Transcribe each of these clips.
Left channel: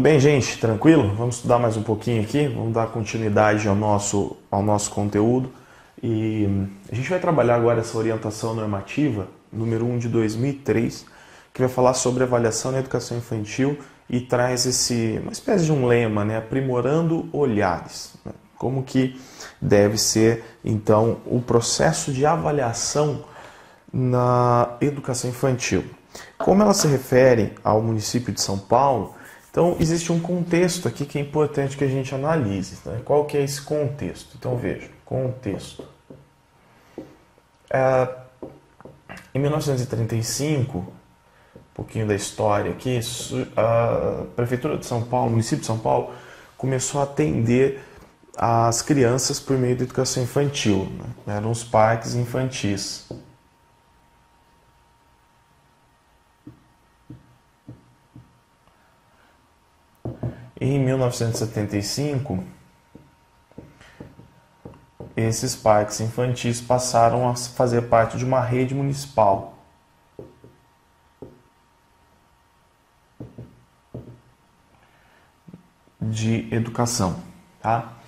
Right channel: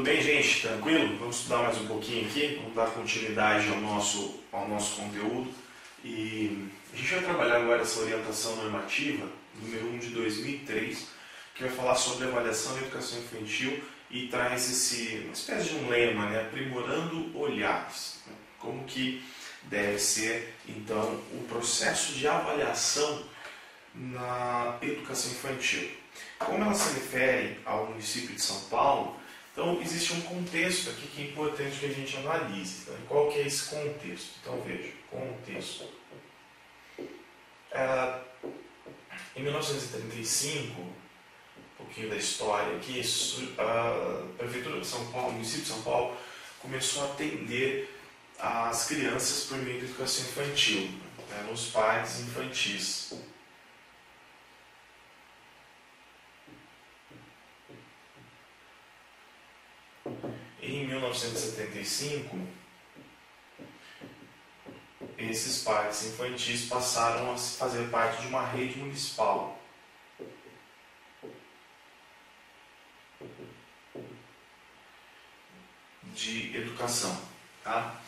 Bem, gente, tranquilo? Vamos estudar mais um pouquinho aqui, vamos dar continuidade ao nosso conteúdo e a gente vai trabalhar agora essa orientação normativa, número 1 de 2003, que vai falar sobre avaliação na educação infantil e traz uma espécie de um lema, né? Aprimorando olhares. Como que deve ser, então, o processo de avaliação na educação infantil. Como ela se refere ao município de São Paulo, então existe um contexto aqui que é importante que a gente analise. Né? Qual que é esse contexto? Então veja, contexto. Em 1935, um pouquinho da história aqui, a Prefeitura de São Paulo, o município de São Paulo, começou a atender as crianças por meio da educação infantil. Né? Eram os parques infantis. Em 1975, esses parques infantis passaram a fazer parte de uma rede municipal. De educação. Tá?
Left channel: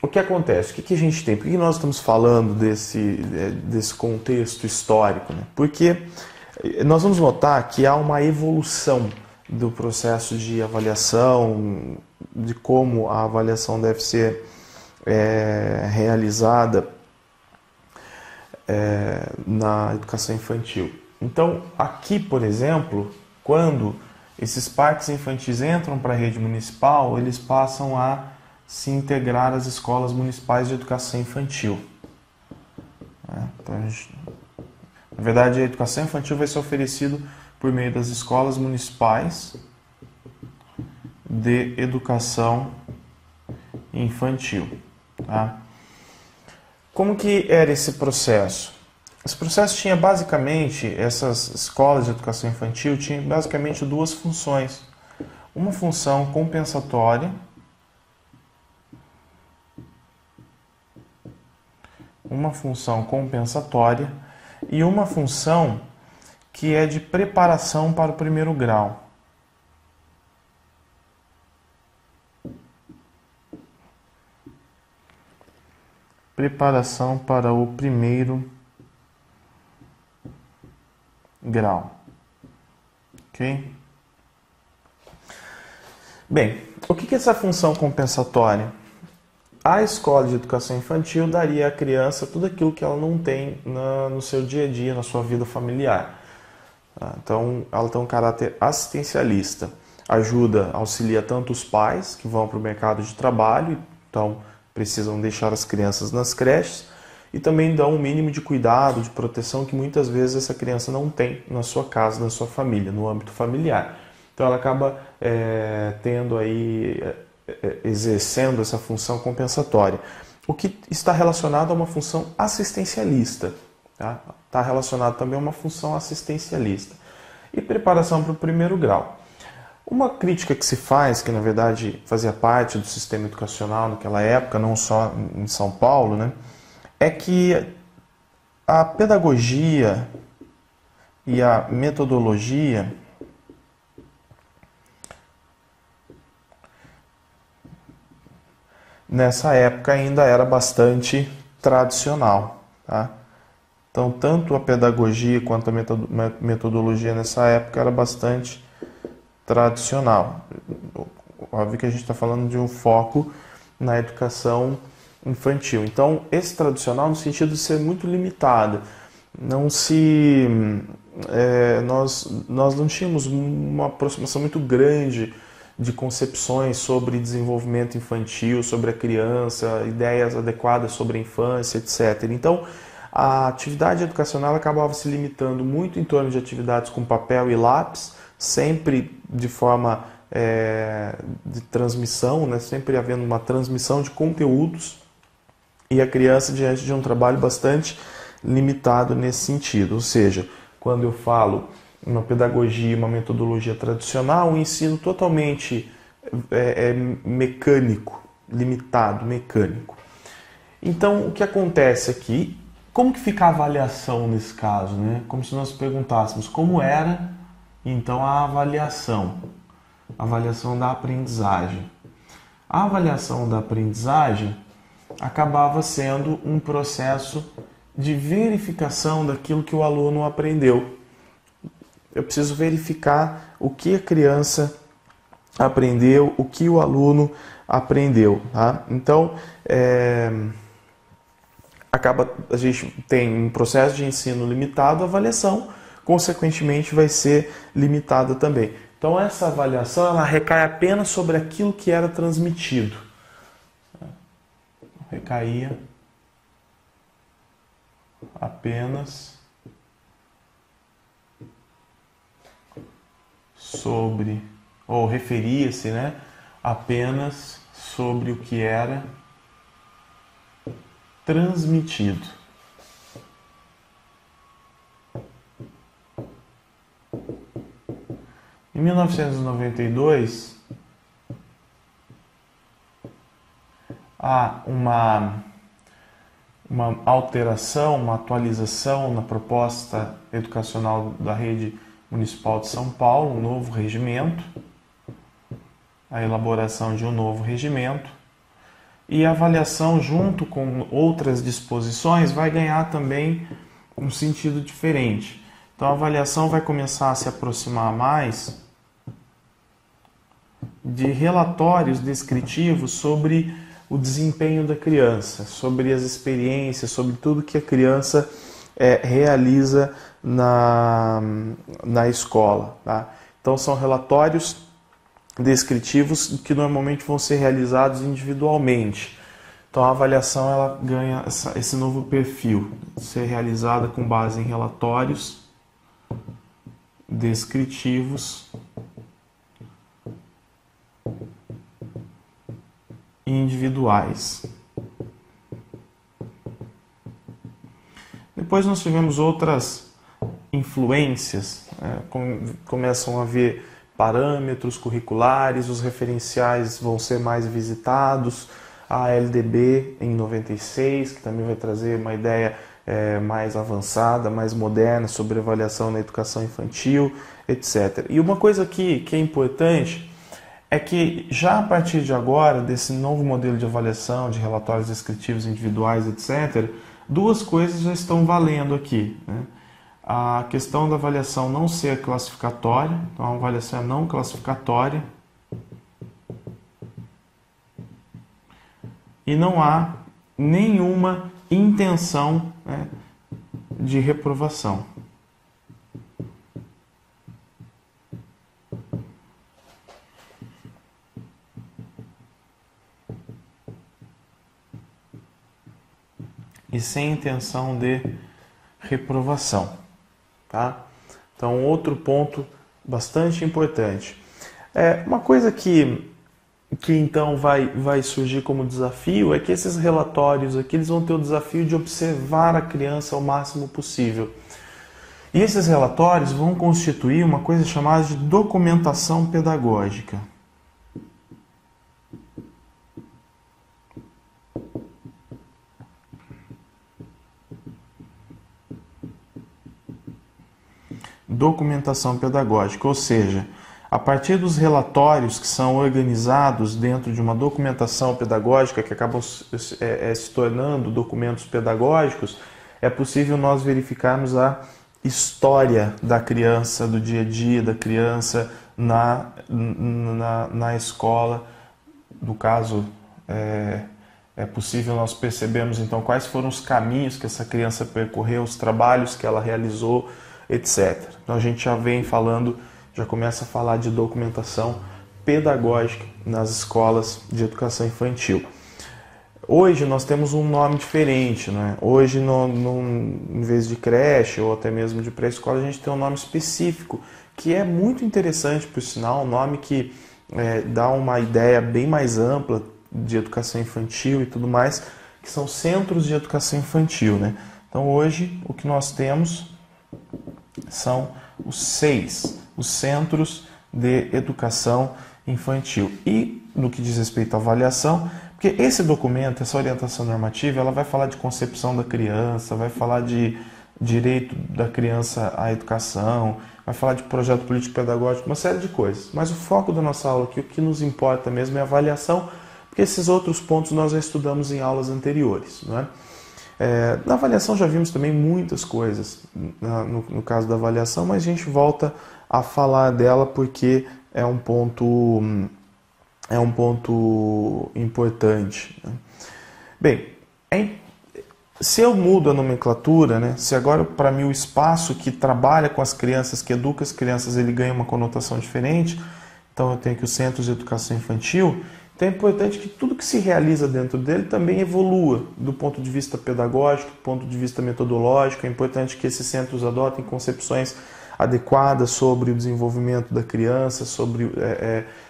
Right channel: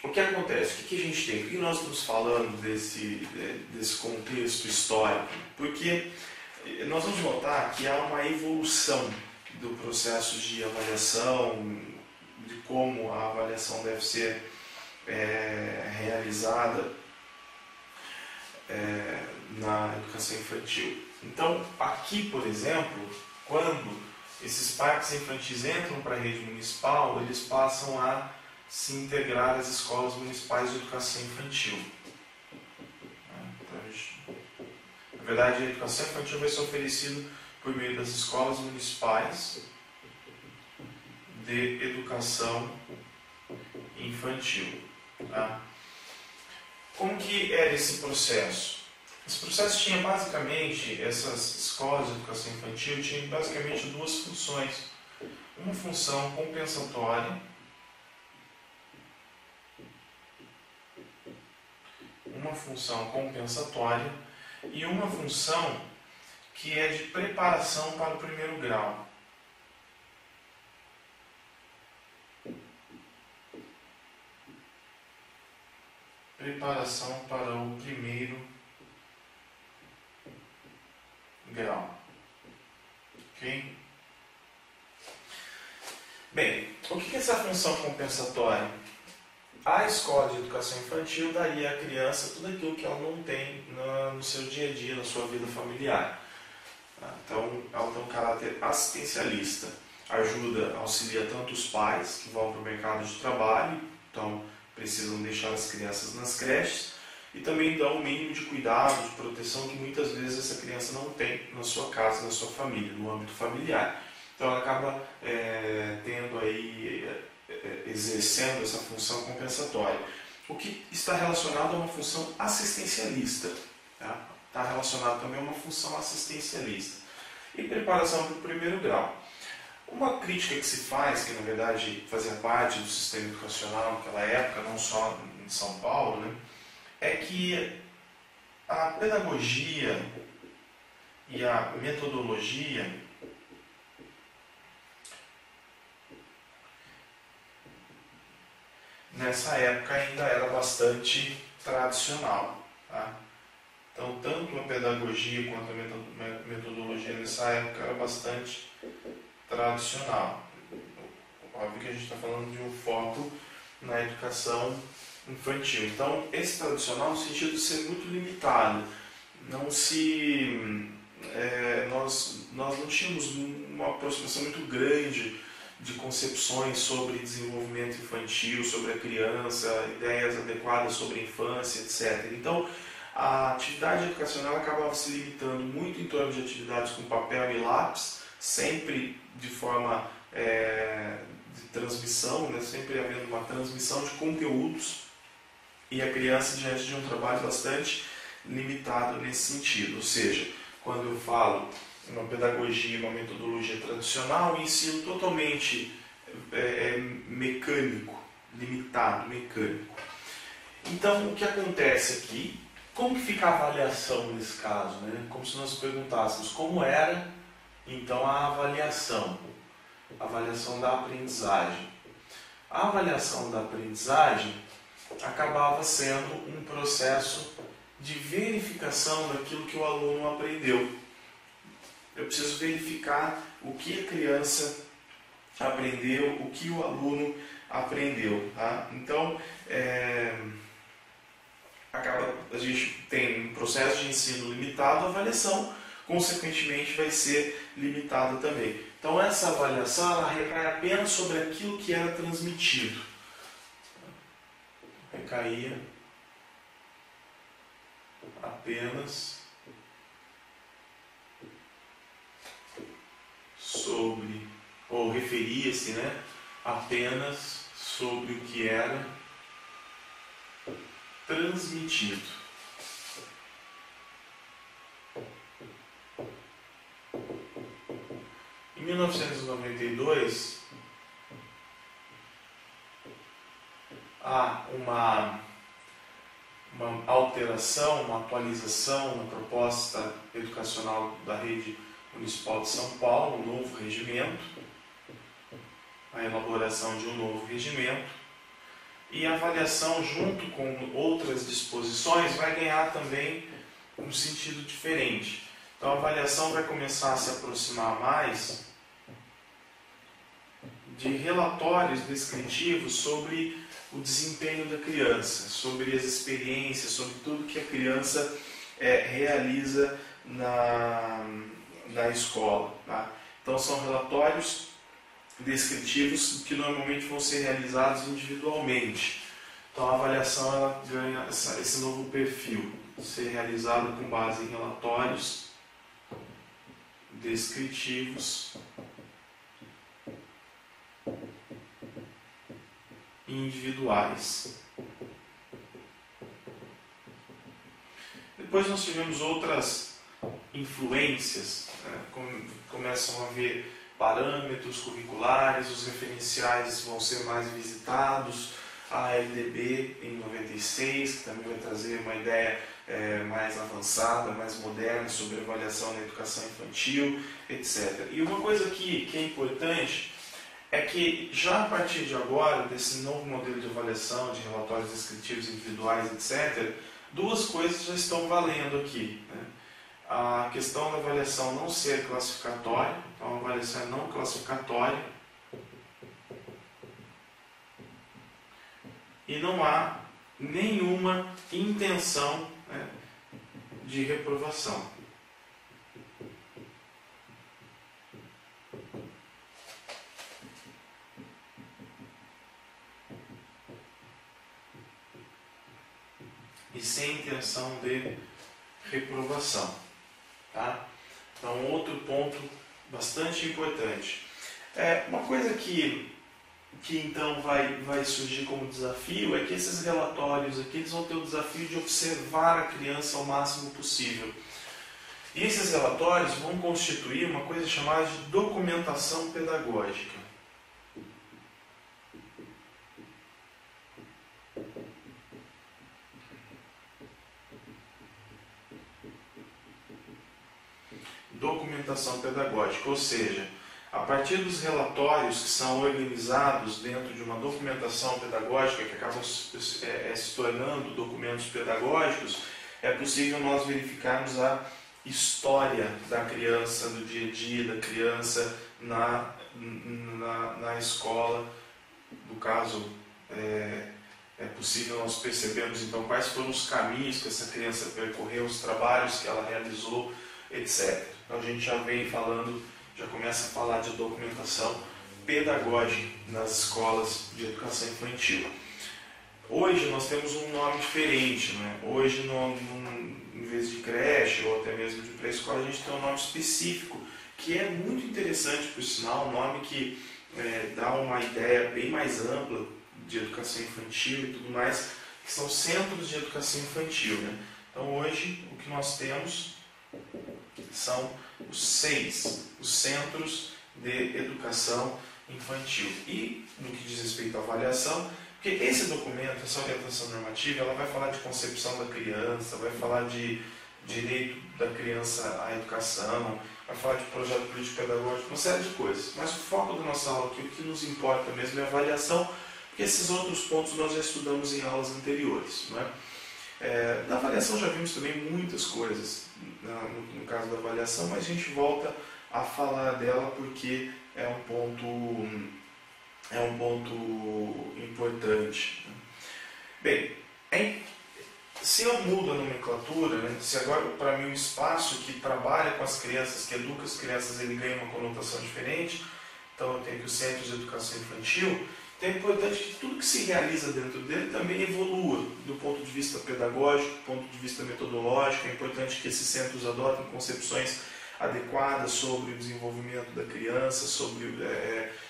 O que acontece? O que a gente tem? Por que nós estamos falando desse contexto histórico? Né? Porque nós vamos notar que há uma evolução do processo de avaliação, de como a avaliação deve ser realizada na educação infantil. Então, aqui, por exemplo, quando esses parques infantis entram para a rede municipal, eles passam a se integrar às escolas municipais de educação infantil. Então, na verdade, a educação infantil vai ser oferecida por meio das escolas municipais de educação infantil. Tá? Como que era esse processo? Esse processo tinha basicamente, essas escolas de educação infantil tinham basicamente duas funções. Uma função compensatória, e uma função que é de preparação para o primeiro grau. Preparação para o primeiro grau. Ok? Bem, o que é essa função compensatória? A escola de educação infantil daria à criança tudo aquilo que ela não tem no seu dia a dia, na sua vida familiar. Então, ela tem um caráter assistencialista. Auxilia tanto os pais que vão para o mercado de trabalho, então precisam deixar as crianças nas creches, e também dá um mínimo de cuidado, de proteção que muitas vezes essa criança não tem na sua casa, na sua família, no âmbito familiar. Então ela acaba exercendo essa função compensatória. O que está relacionado a uma função assistencialista. Tá? Está relacionado também a uma função assistencialista. E preparação para o primeiro grau. Uma crítica que se faz, que na verdade fazia parte do sistema educacional naquela época, não só em São Paulo, né, é que a pedagogia e a metodologia nessa época ainda era bastante tradicional. Tá? Então, tanto a pedagogia quanto a metodologia nessa época era bastante tradicional. Óbvio que a gente está falando de um foco na educação infantil. Então, esse tradicional no sentido de ser muito limitado. Nós não tínhamos uma aproximação muito grande de concepções sobre desenvolvimento infantil, sobre a criança, ideias adequadas sobre a infância, etc. Então, a atividade educacional acabava se limitando muito em torno de atividades com papel e lápis, sempre de forma de transmissão, né? Sempre havendo uma transmissão de conteúdos, e a criança diante de um trabalho bastante limitado nesse sentido. Ou seja, quando eu falo uma pedagogia, uma metodologia tradicional, um ensino totalmente mecânico, limitado, mecânico. Então, o que acontece aqui? Como que fica a avaliação nesse caso, né? Como se nós perguntássemos como era, então, a avaliação. avaliação da aprendizagem. A avaliação da aprendizagem acabava sendo um processo de verificação daquilo que o aluno aprendeu. Eu preciso verificar o que a criança aprendeu, o que o aluno aprendeu. Tá? Então, a gente tem um processo de ensino limitado, a avaliação, consequentemente, vai ser limitada também. Então, essa avaliação ela recai apenas sobre aquilo que era transmitido. Recaía apenas sobre, ou referia-se, apenas sobre o que era transmitido. Em 1992, há uma alteração, uma atualização na proposta educacional da rede municipal de São Paulo, um novo regimento, a elaboração de um novo regimento, e a avaliação, junto com outras disposições, vai ganhar também um sentido diferente. Então a avaliação vai começar a se aproximar mais de relatórios descritivos sobre o desempenho da criança, sobre as experiências, sobre tudo que a criança realiza na escola. Tá? Então são relatórios descritivos que normalmente vão ser realizados individualmente. Então a avaliação ela ganha esse novo perfil, ser realizada com base em relatórios descritivos individuais. Depois nós tivemos outras influências, começam a haver parâmetros curriculares, os referenciais vão ser mais visitados, a LDB em 96, que também vai trazer uma ideia mais avançada, mais moderna sobre avaliação na educação infantil, etc. E uma coisa que é importante é que já a partir de agora, desse novo modelo de avaliação, de relatórios descritivos individuais, etc., duas coisas já estão valendo aqui. A questão da avaliação não ser classificatória, então a avaliação é não classificatória, e não há nenhuma intenção de reprovação. E sem intenção de reprovação. Tá? Então, outro ponto bastante importante. Uma coisa que então vai surgir como desafio é que esses relatórios aqui eles vão ter o desafio de observar a criança ao máximo possível. E esses relatórios vão constituir uma coisa chamada de documentação pedagógica. Documentação pedagógica, ou seja, a partir dos relatórios que são organizados dentro de uma documentação pedagógica que acabam se tornando documentos pedagógicos, é possível nós verificarmos a história da criança, do dia a dia da criança na escola. No caso, é possível nós percebermos então quais foram os caminhos que essa criança percorreu, os trabalhos que ela realizou, etc. Então a gente já começa a falar de documentação pedagógica nas escolas de educação infantil. Hoje nós temos um nome diferente, né? Hoje, em vez de creche ou até mesmo de pré-escola, a gente tem um nome específico, que é muito interessante, por sinal, um nome que dá uma ideia bem mais ampla de educação infantil e tudo mais, que são centros de educação infantil, né? Então hoje o que nós temos são os 6, os centros de educação infantil. E no que diz respeito à avaliação, porque esse documento, essa orientação normativa, ela vai falar de concepção da criança, vai falar de direito da criança à educação, vai falar de projeto político-pedagógico, uma série de coisas. Mas o foco da nossa aula aqui, o que nos importa mesmo é a avaliação, porque esses outros pontos nós já estudamos em aulas anteriores, não é? Na avaliação já vimos também muitas coisas no caso da avaliação, mas a gente volta a falar dela porque é um ponto importante. Bem, se eu mudo a nomenclatura, né, se agora para mim o espaço que trabalha com as crianças, que educa as crianças, ele ganha uma conotação diferente, então eu tenho aqui o Centro de Educação Infantil. Então é importante que tudo que se realiza dentro dele também evolua do ponto de vista pedagógico, do ponto de vista metodológico. É importante que esses centros adotem concepções adequadas sobre o desenvolvimento da criança, sobre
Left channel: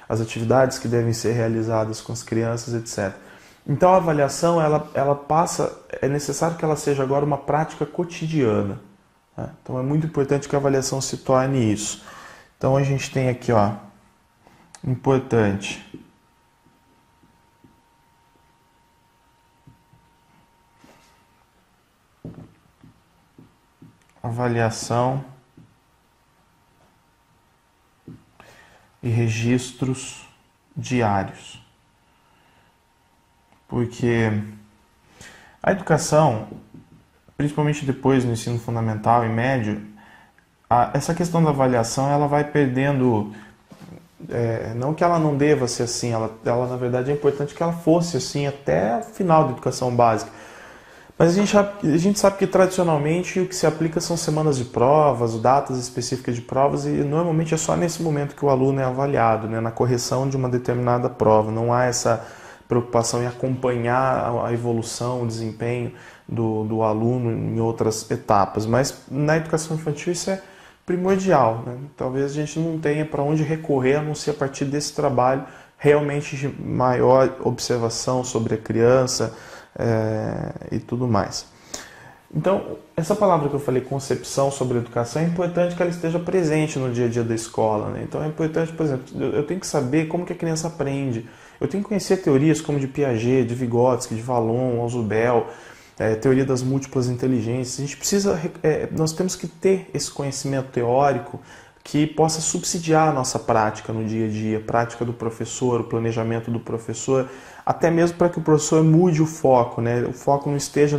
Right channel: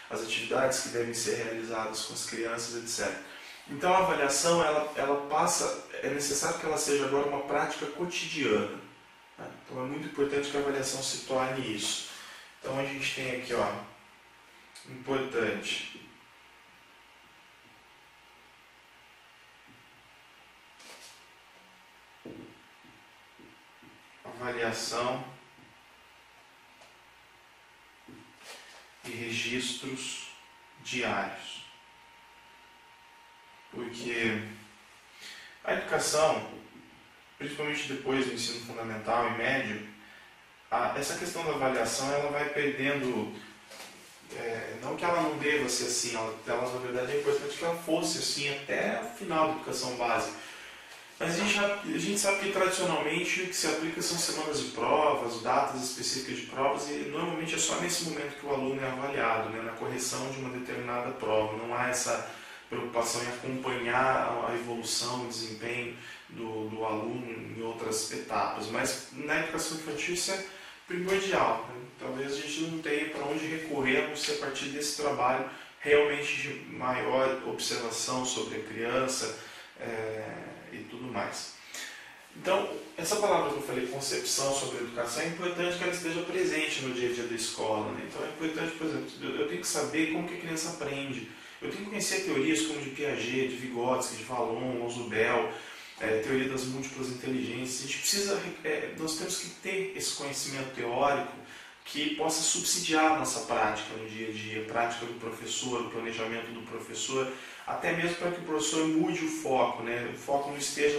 as atividades que devem ser realizadas com as crianças, etc. Então a avaliação, ela passa, é necessário que ela seja agora uma prática cotidiana. Né? Então é muito importante que a avaliação se torne isso. Então a gente tem aqui, ó, importante. Avaliação e registros diários. Porque a educação, principalmente depois do ensino fundamental e médio, essa questão da avaliação ela vai perdendo, não que ela não deva ser assim, ela na verdade é importante que ela fosse assim até o final da educação básica. Mas a gente sabe que tradicionalmente o que se aplica são semanas de provas, datas específicas de provas, e normalmente é só nesse momento que o aluno é avaliado, né, na correção de uma determinada prova. Não há essa preocupação em acompanhar a evolução, o desempenho do aluno em outras etapas. Mas na educação infantil isso é primordial. Né? Talvez a gente não tenha para onde recorrer, a não ser a partir desse trabalho realmente de maior observação sobre a criança, e tudo mais. Então, essa palavra que eu falei, concepção sobre educação, é importante que ela esteja presente no dia a dia da escola. Né? Então é importante, por exemplo, eu tenho que saber como que a criança aprende. Eu tenho que conhecer teorias como de Piaget, de Vygotsky, de Vallon, Ausubel, teoria das múltiplas inteligências. A gente precisa, nós temos que ter esse conhecimento teórico que possa subsidiar a nossa prática no dia a dia, a prática do professor, o planejamento do professor, até mesmo para que o professor mude o foco, né? O foco não esteja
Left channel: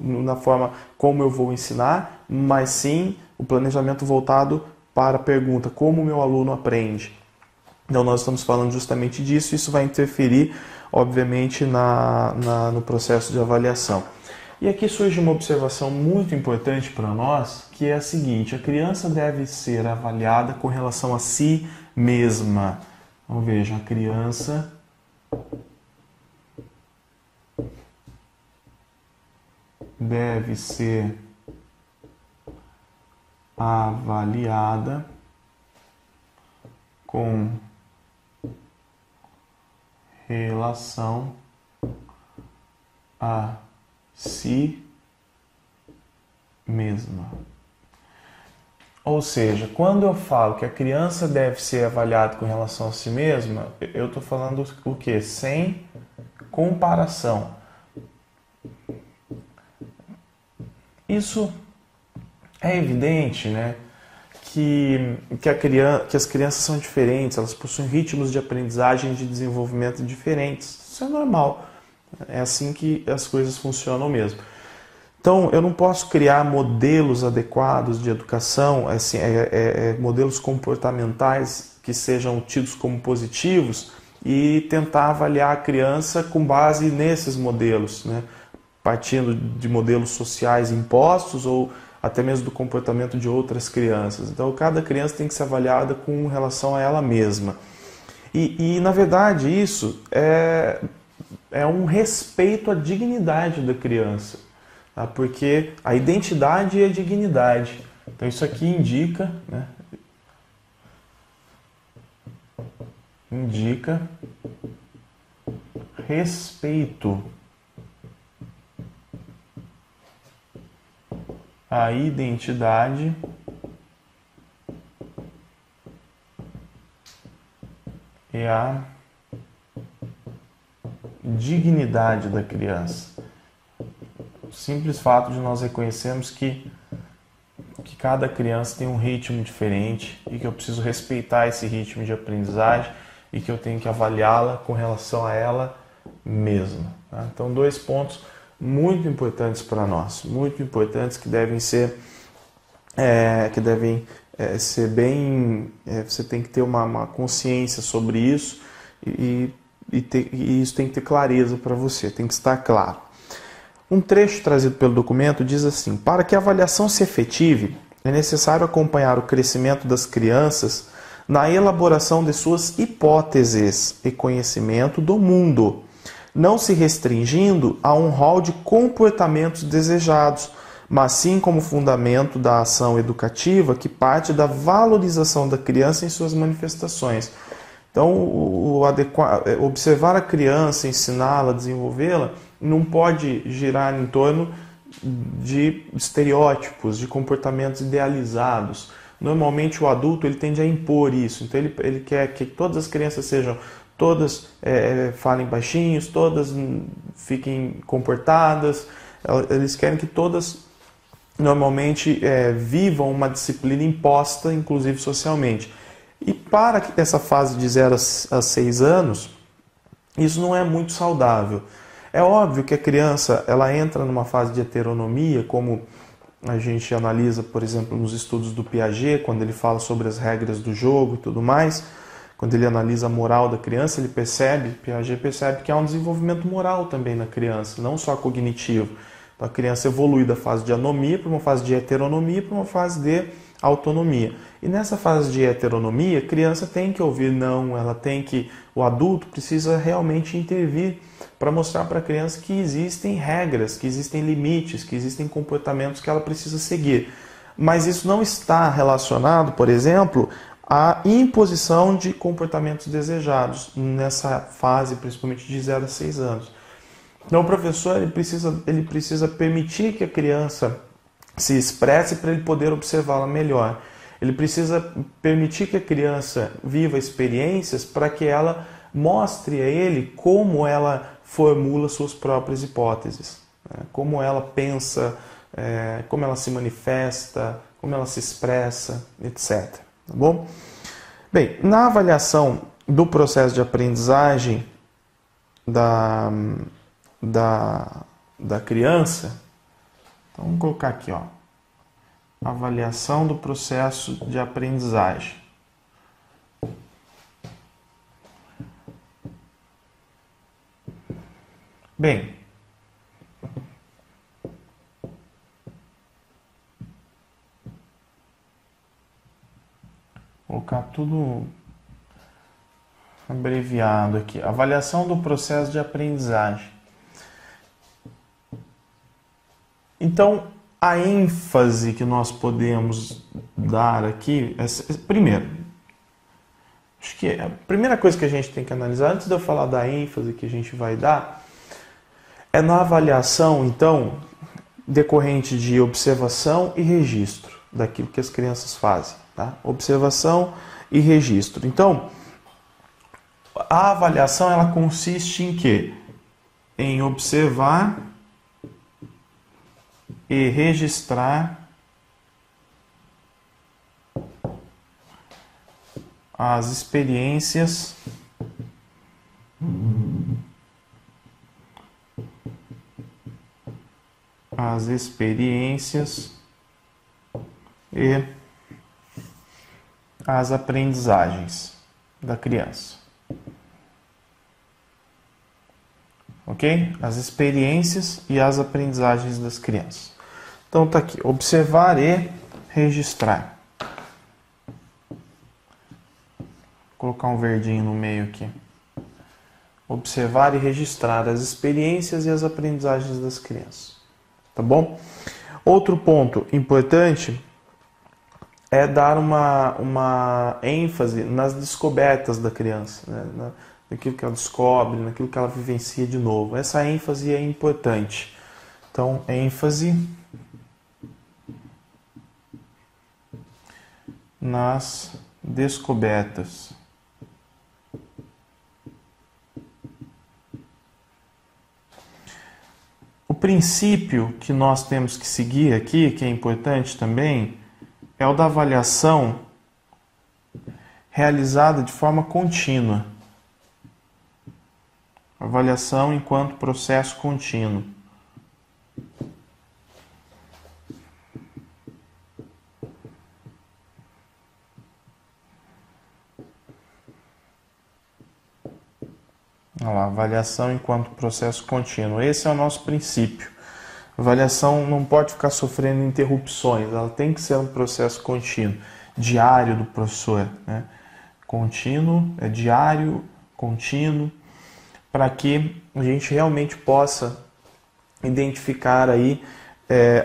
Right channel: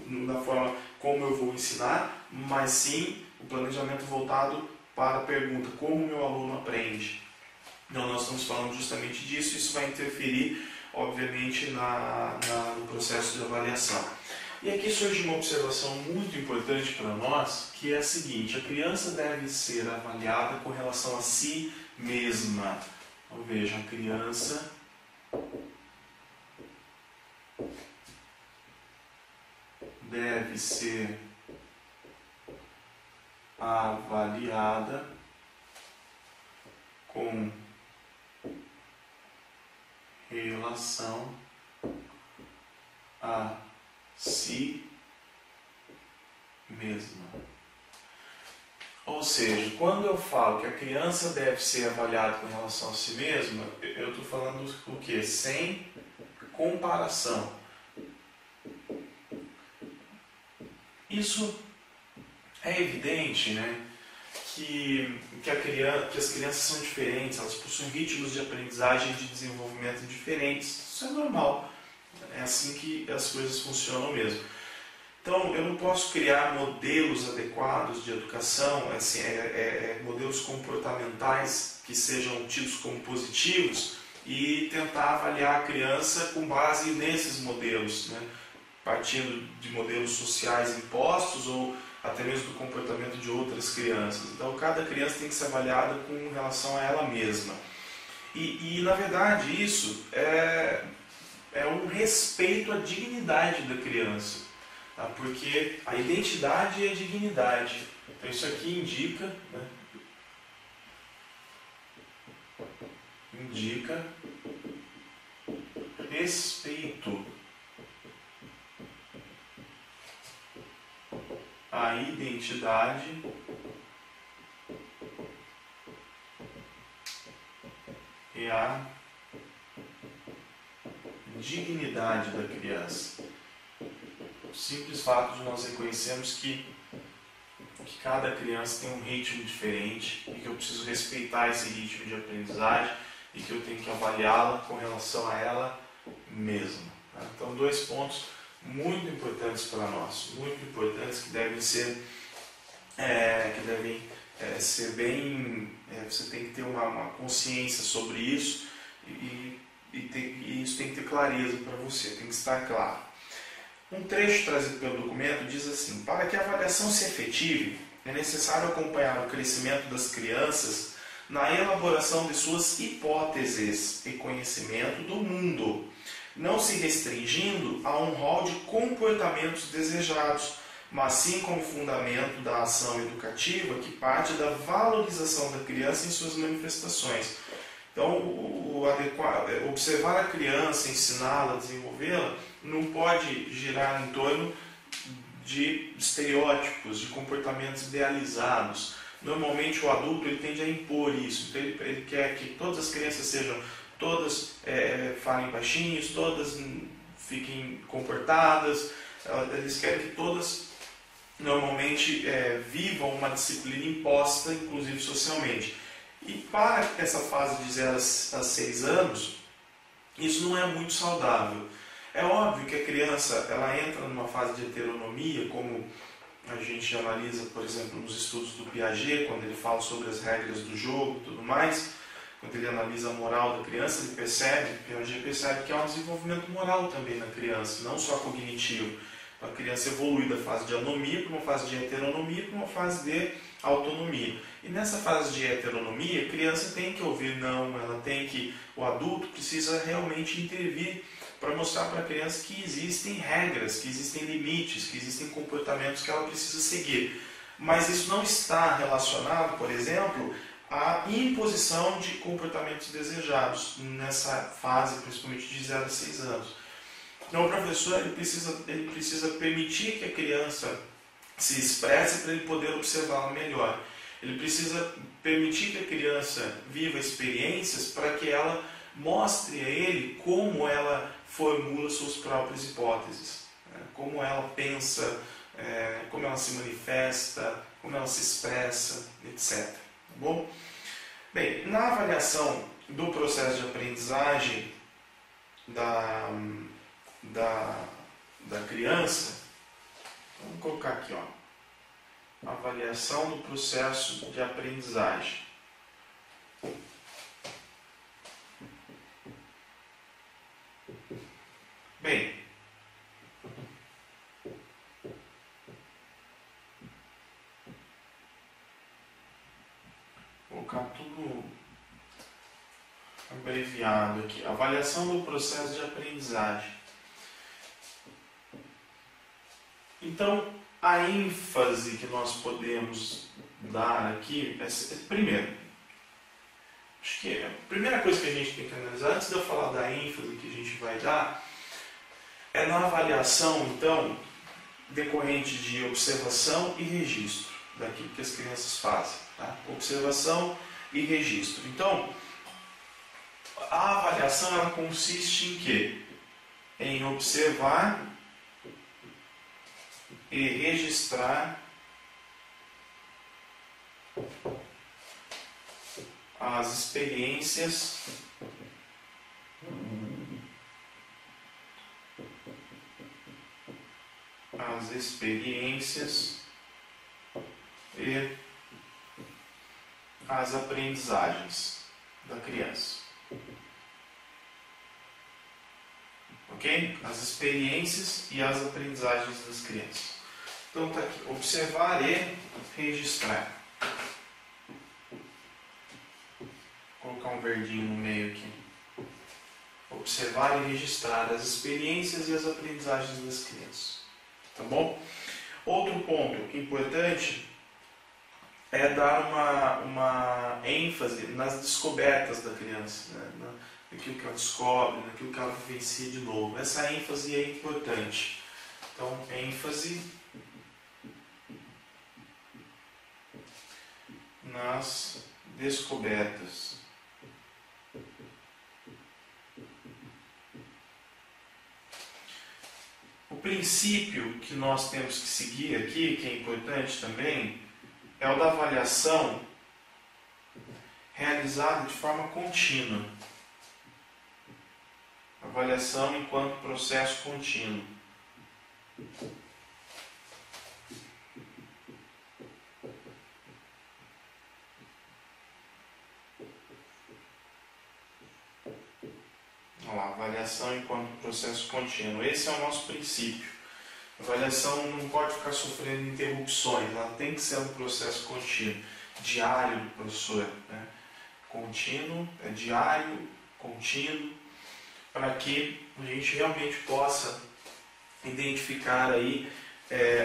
na forma como eu vou ensinar, mas sim o planejamento voltado para a pergunta, como o meu aluno aprende. Então nós estamos falando justamente disso, isso vai interferir, obviamente, no processo de avaliação. E aqui surge uma observação muito importante para nós, que é a seguinte: a criança deve ser avaliada com relação a si mesma. Então veja, a criança deve ser avaliada com relação a si mesma. Ou seja, quando eu falo que a criança deve ser avaliada com relação a si mesma, eu estou falando o quê? Sem comparação. Isso é evidente, né? Que as crianças são diferentes, elas possuem ritmos de aprendizagem e de desenvolvimento diferentes. Isso é normal. É assim que as coisas funcionam mesmo. Então, eu não posso criar modelos adequados de educação, assim, modelos comportamentais que sejam tidos como positivos e tentar avaliar a criança com base nesses modelos, né? Partindo de modelos sociais impostos ou até mesmo do comportamento de outras crianças. Então, cada criança tem que ser avaliada com relação a ela mesma. E na verdade, isso é um respeito à dignidade da criança, tá? Porque a identidade é a dignidade. Então, isso aqui indica, né? Indica respeito à identidade e à dignidade da criança. O simples fato de nós reconhecermos que cada criança tem um ritmo diferente e que eu preciso respeitar esse ritmo de aprendizagem e que eu tenho que avaliá-la com relação a ela mesma. Tá? Então, 2 pontos muito importantes para nós, muito importantes que devem ser bem, você tem que ter uma consciência sobre isso e isso tem que ter clareza para você, tem que estar claro. Um trecho trazido pelo documento diz assim: para que a avaliação se efetive, é necessário acompanhar o crescimento das crianças na elaboração de suas hipóteses e conhecimento do mundo, não se restringindo a um rol de comportamentos desejados, mas sim como fundamento da ação educativa que parte da valorização da criança em suas manifestações. Então, observar a criança, ensiná-la, desenvolvê-la, não pode girar em torno de estereótipos, de comportamentos idealizados. Normalmente o adulto ele tende a impor isso, então ele quer que todas as crianças sejam, todas falem baixinhos, todas fiquem comportadas, eles querem que todas normalmente vivam uma disciplina imposta, inclusive socialmente. E para essa fase de 0 a 6 anos, isso não é muito saudável. É óbvio que a criança ela entra numa fase de heteronomia, como a gente analisa, por exemplo, nos estudos do Piaget, quando ele fala sobre as regras do jogo e tudo mais, quando ele analisa a moral da criança, Piaget percebe que há um desenvolvimento moral também na criança, não só cognitivo. Então, a criança evolui da fase de anomia para uma fase de heteronomia para uma fase de autonomia. E nessa fase de heteronomia, a criança tem que ouvir não, o adulto precisa realmente intervir para mostrar para a criança que existem regras, que existem limites, que existem comportamentos que ela precisa seguir. Mas isso não está relacionado, por exemplo, à imposição de comportamentos desejados nessa fase, principalmente de 0 a 6 anos. Então o professor ele precisa permitir que a criança se expresse para ele poder observá-la melhor. Ele precisa permitir que a criança viva experiências para que ela mostre a ele como ela formula suas próprias hipóteses, né? Como ela pensa, como ela se manifesta, como ela se expressa, etc. Tá bom? Bem, na avaliação do processo de aprendizagem da criança, então, vamos colocar aqui, ó, avaliação do processo de aprendizagem. Bem, vou colocar tudo abreviado aqui. Avaliação do processo de aprendizagem. Então, a ênfase que nós podemos dar aqui, primeiro, acho que a primeira coisa que a gente tem que analisar, antes de eu falar da ênfase que a gente vai dar, é na avaliação, então, decorrente de observação e registro daquilo que as crianças fazem. Tá? Observação e registro. Então, a avaliação ela consiste em quê? Em observar e registrar as experiências e as aprendizagens da criança. Ok? As experiências e as aprendizagens das crianças. Então está aqui, observar e registrar. Vou colocar um verdinho no meio aqui. Observar e registrar as experiências e as aprendizagens das crianças. Tá bom? Outro ponto importante é dar uma ênfase nas descobertas da criança, né? Naquilo que ela descobre, naquilo que ela vivencia de novo. Essa ênfase é importante. Então, ênfase nas descobertas. O princípio que nós temos que seguir aqui, que é importante também, é o da avaliação realizada de forma contínua. Avaliação enquanto processo contínuo. Olha lá, avaliação enquanto processo contínuo. Esse é o nosso princípio. A avaliação não pode ficar sofrendo interrupções, ela tem que ser um processo contínuo, diário do professor, né? Contínuo, é diário, contínuo, para que a gente realmente possa identificar aí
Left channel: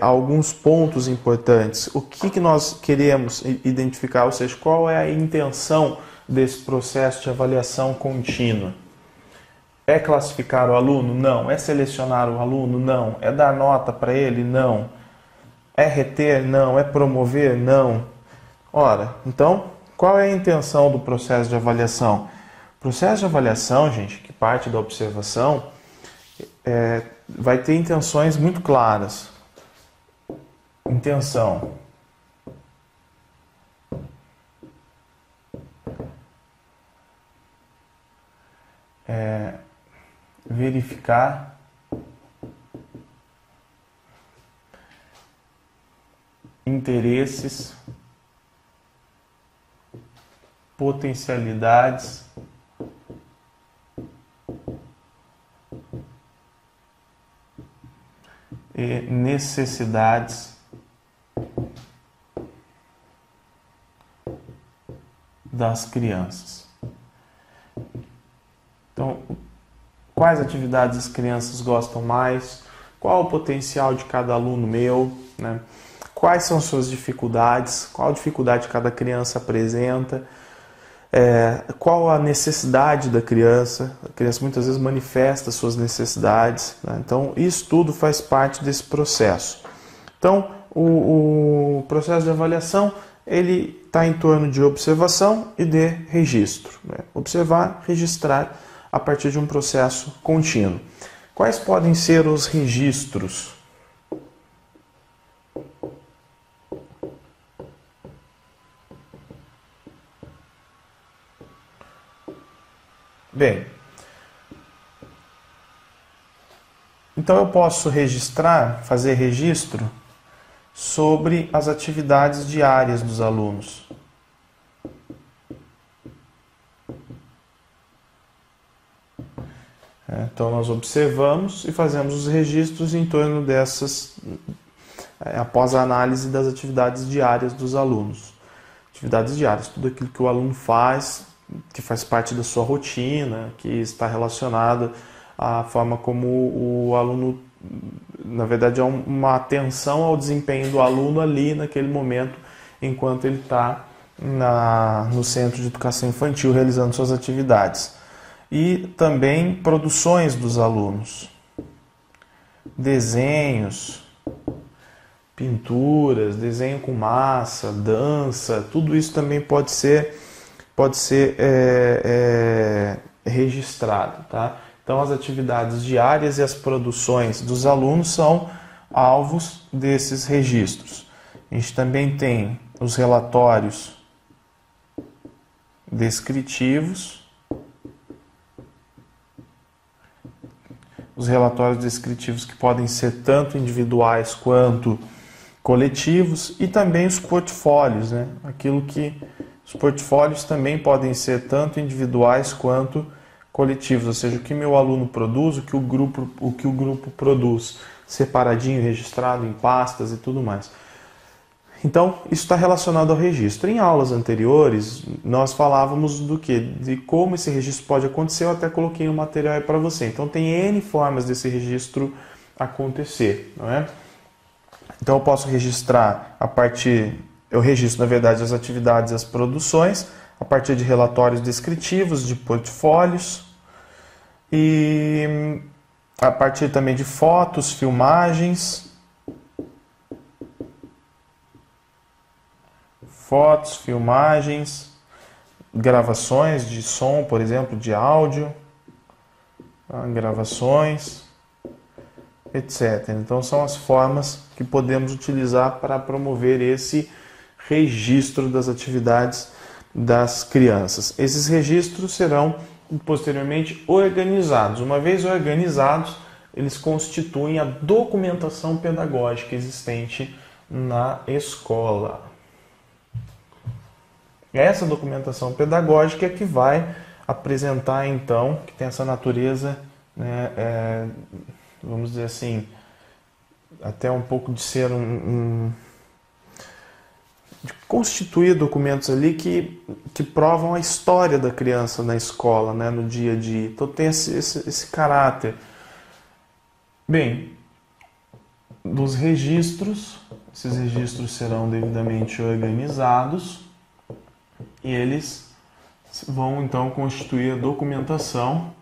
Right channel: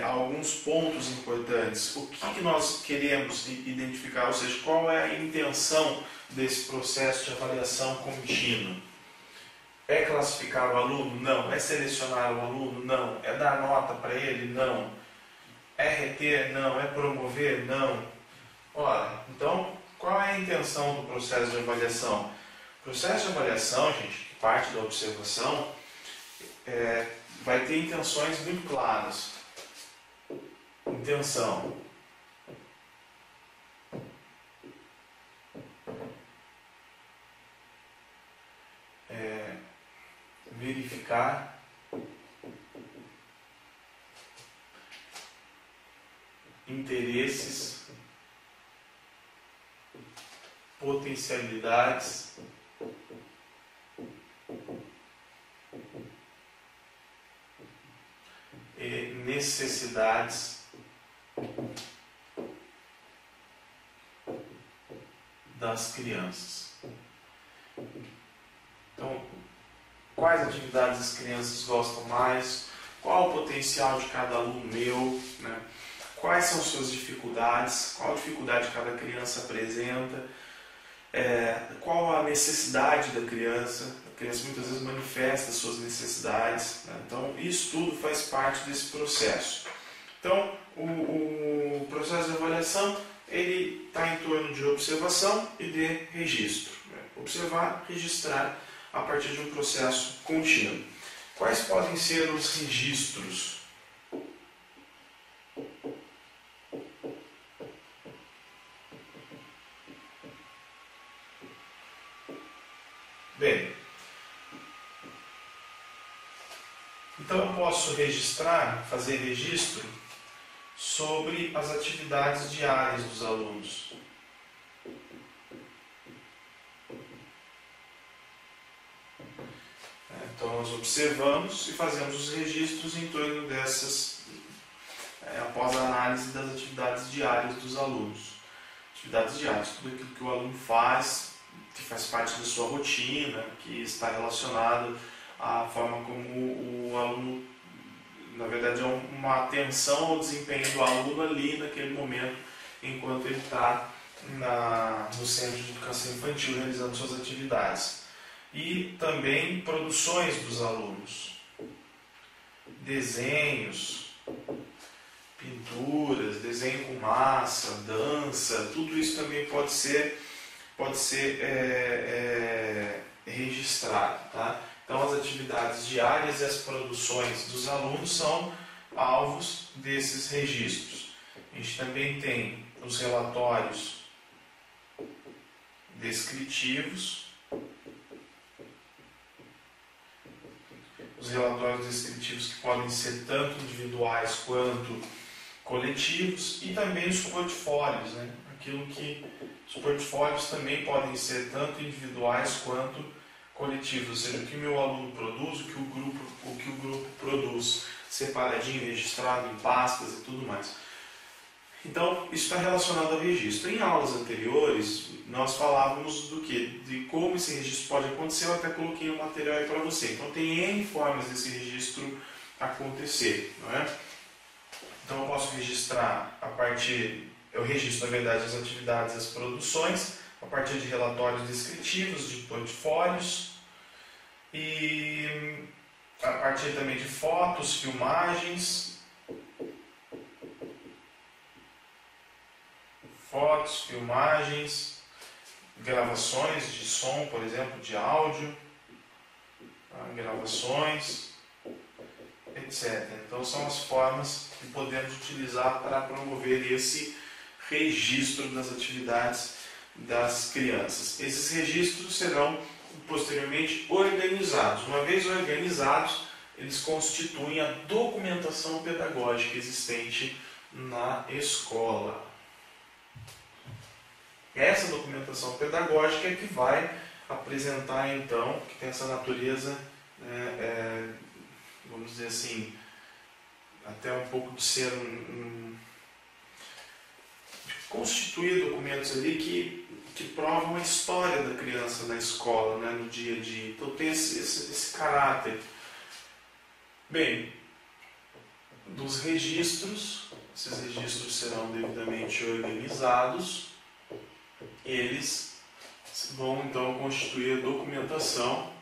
alguns pontos importantes. O que nós queremos identificar, ou seja, qual é a intenção desse processo de avaliação contínua? É classificar o aluno? Não. É selecionar o aluno? Não. É dar nota para ele? Não. É reter? Não. É promover? Não. Ora, então, qual é a intenção do processo de avaliação? O processo de avaliação, gente, que parte da observação, vai ter intenções muito claras. Intenção. Verificar interesses, potencialidades e necessidades das crianças. Então, quais atividades as crianças gostam mais? Qual o potencial de cada aluno meu, né? Quais são suas dificuldades? Qual dificuldade cada criança apresenta? Qual a necessidade da criança? A criança muitas vezes manifesta suas necessidades, né? Então, isso tudo faz parte desse processo. Então, o processo de avaliação ele está em torno de observação e de registro, né? Observar, registrar a partir de um processo contínuo. Quais podem ser os registros? Bem, então eu posso registrar, fazer registro sobre as atividades diárias dos alunos. Então nós observamos e fazemos os registros em torno dessas, após a análise das atividades diárias dos alunos. Atividades diárias, tudo aquilo que o aluno faz, que faz parte da sua rotina, que está relacionado à forma como o aluno, na verdade é uma atenção ao desempenho do aluno ali naquele momento, enquanto ele está no Centro de Educação Infantil realizando suas atividades. E também produções dos alunos, desenhos, pinturas, desenho com massa, dança, tudo isso também pode ser registrado, tá? Então as atividades diárias e as produções dos alunos são alvos desses registros. A gente também tem os relatórios descritivos. Os relatórios descritivos que podem ser tanto individuais quanto coletivos, e também os portfólios, né? Os portfólios também podem ser tanto individuais quanto coletivos, ou seja, o que meu aluno produz, o que o grupo produz, separadinho, registrado em pastas e tudo mais. Então, isso está relacionado ao registro. Em aulas anteriores, nós falávamos do quê? De como esse registro pode acontecer. Eu até coloquei um material aí para você. Então, tem N formas desse registro acontecer, não é? Então, eu posso registrar eu registro, na verdade, as atividades e as produções a partir de relatórios descritivos, de portfólios e a partir também de fotos, filmagens, gravações de som, por exemplo, de áudio, gravações, etc. Então são as formas que podemos utilizar para promover esse registro das atividades das crianças. Esses registros serão posteriormente organizados. Uma vez organizados, eles constituem a documentação pedagógica existente na escola. Essa documentação pedagógica é que vai apresentar, então, que tem essa natureza, né, vamos dizer assim, até um pouco de ser de constituir documentos ali que provam a história da criança na escola, né, no dia a dia. Então tem esse caráter. Bem, dos registros, esses registros serão devidamente organizados e eles vão então constituir a documentação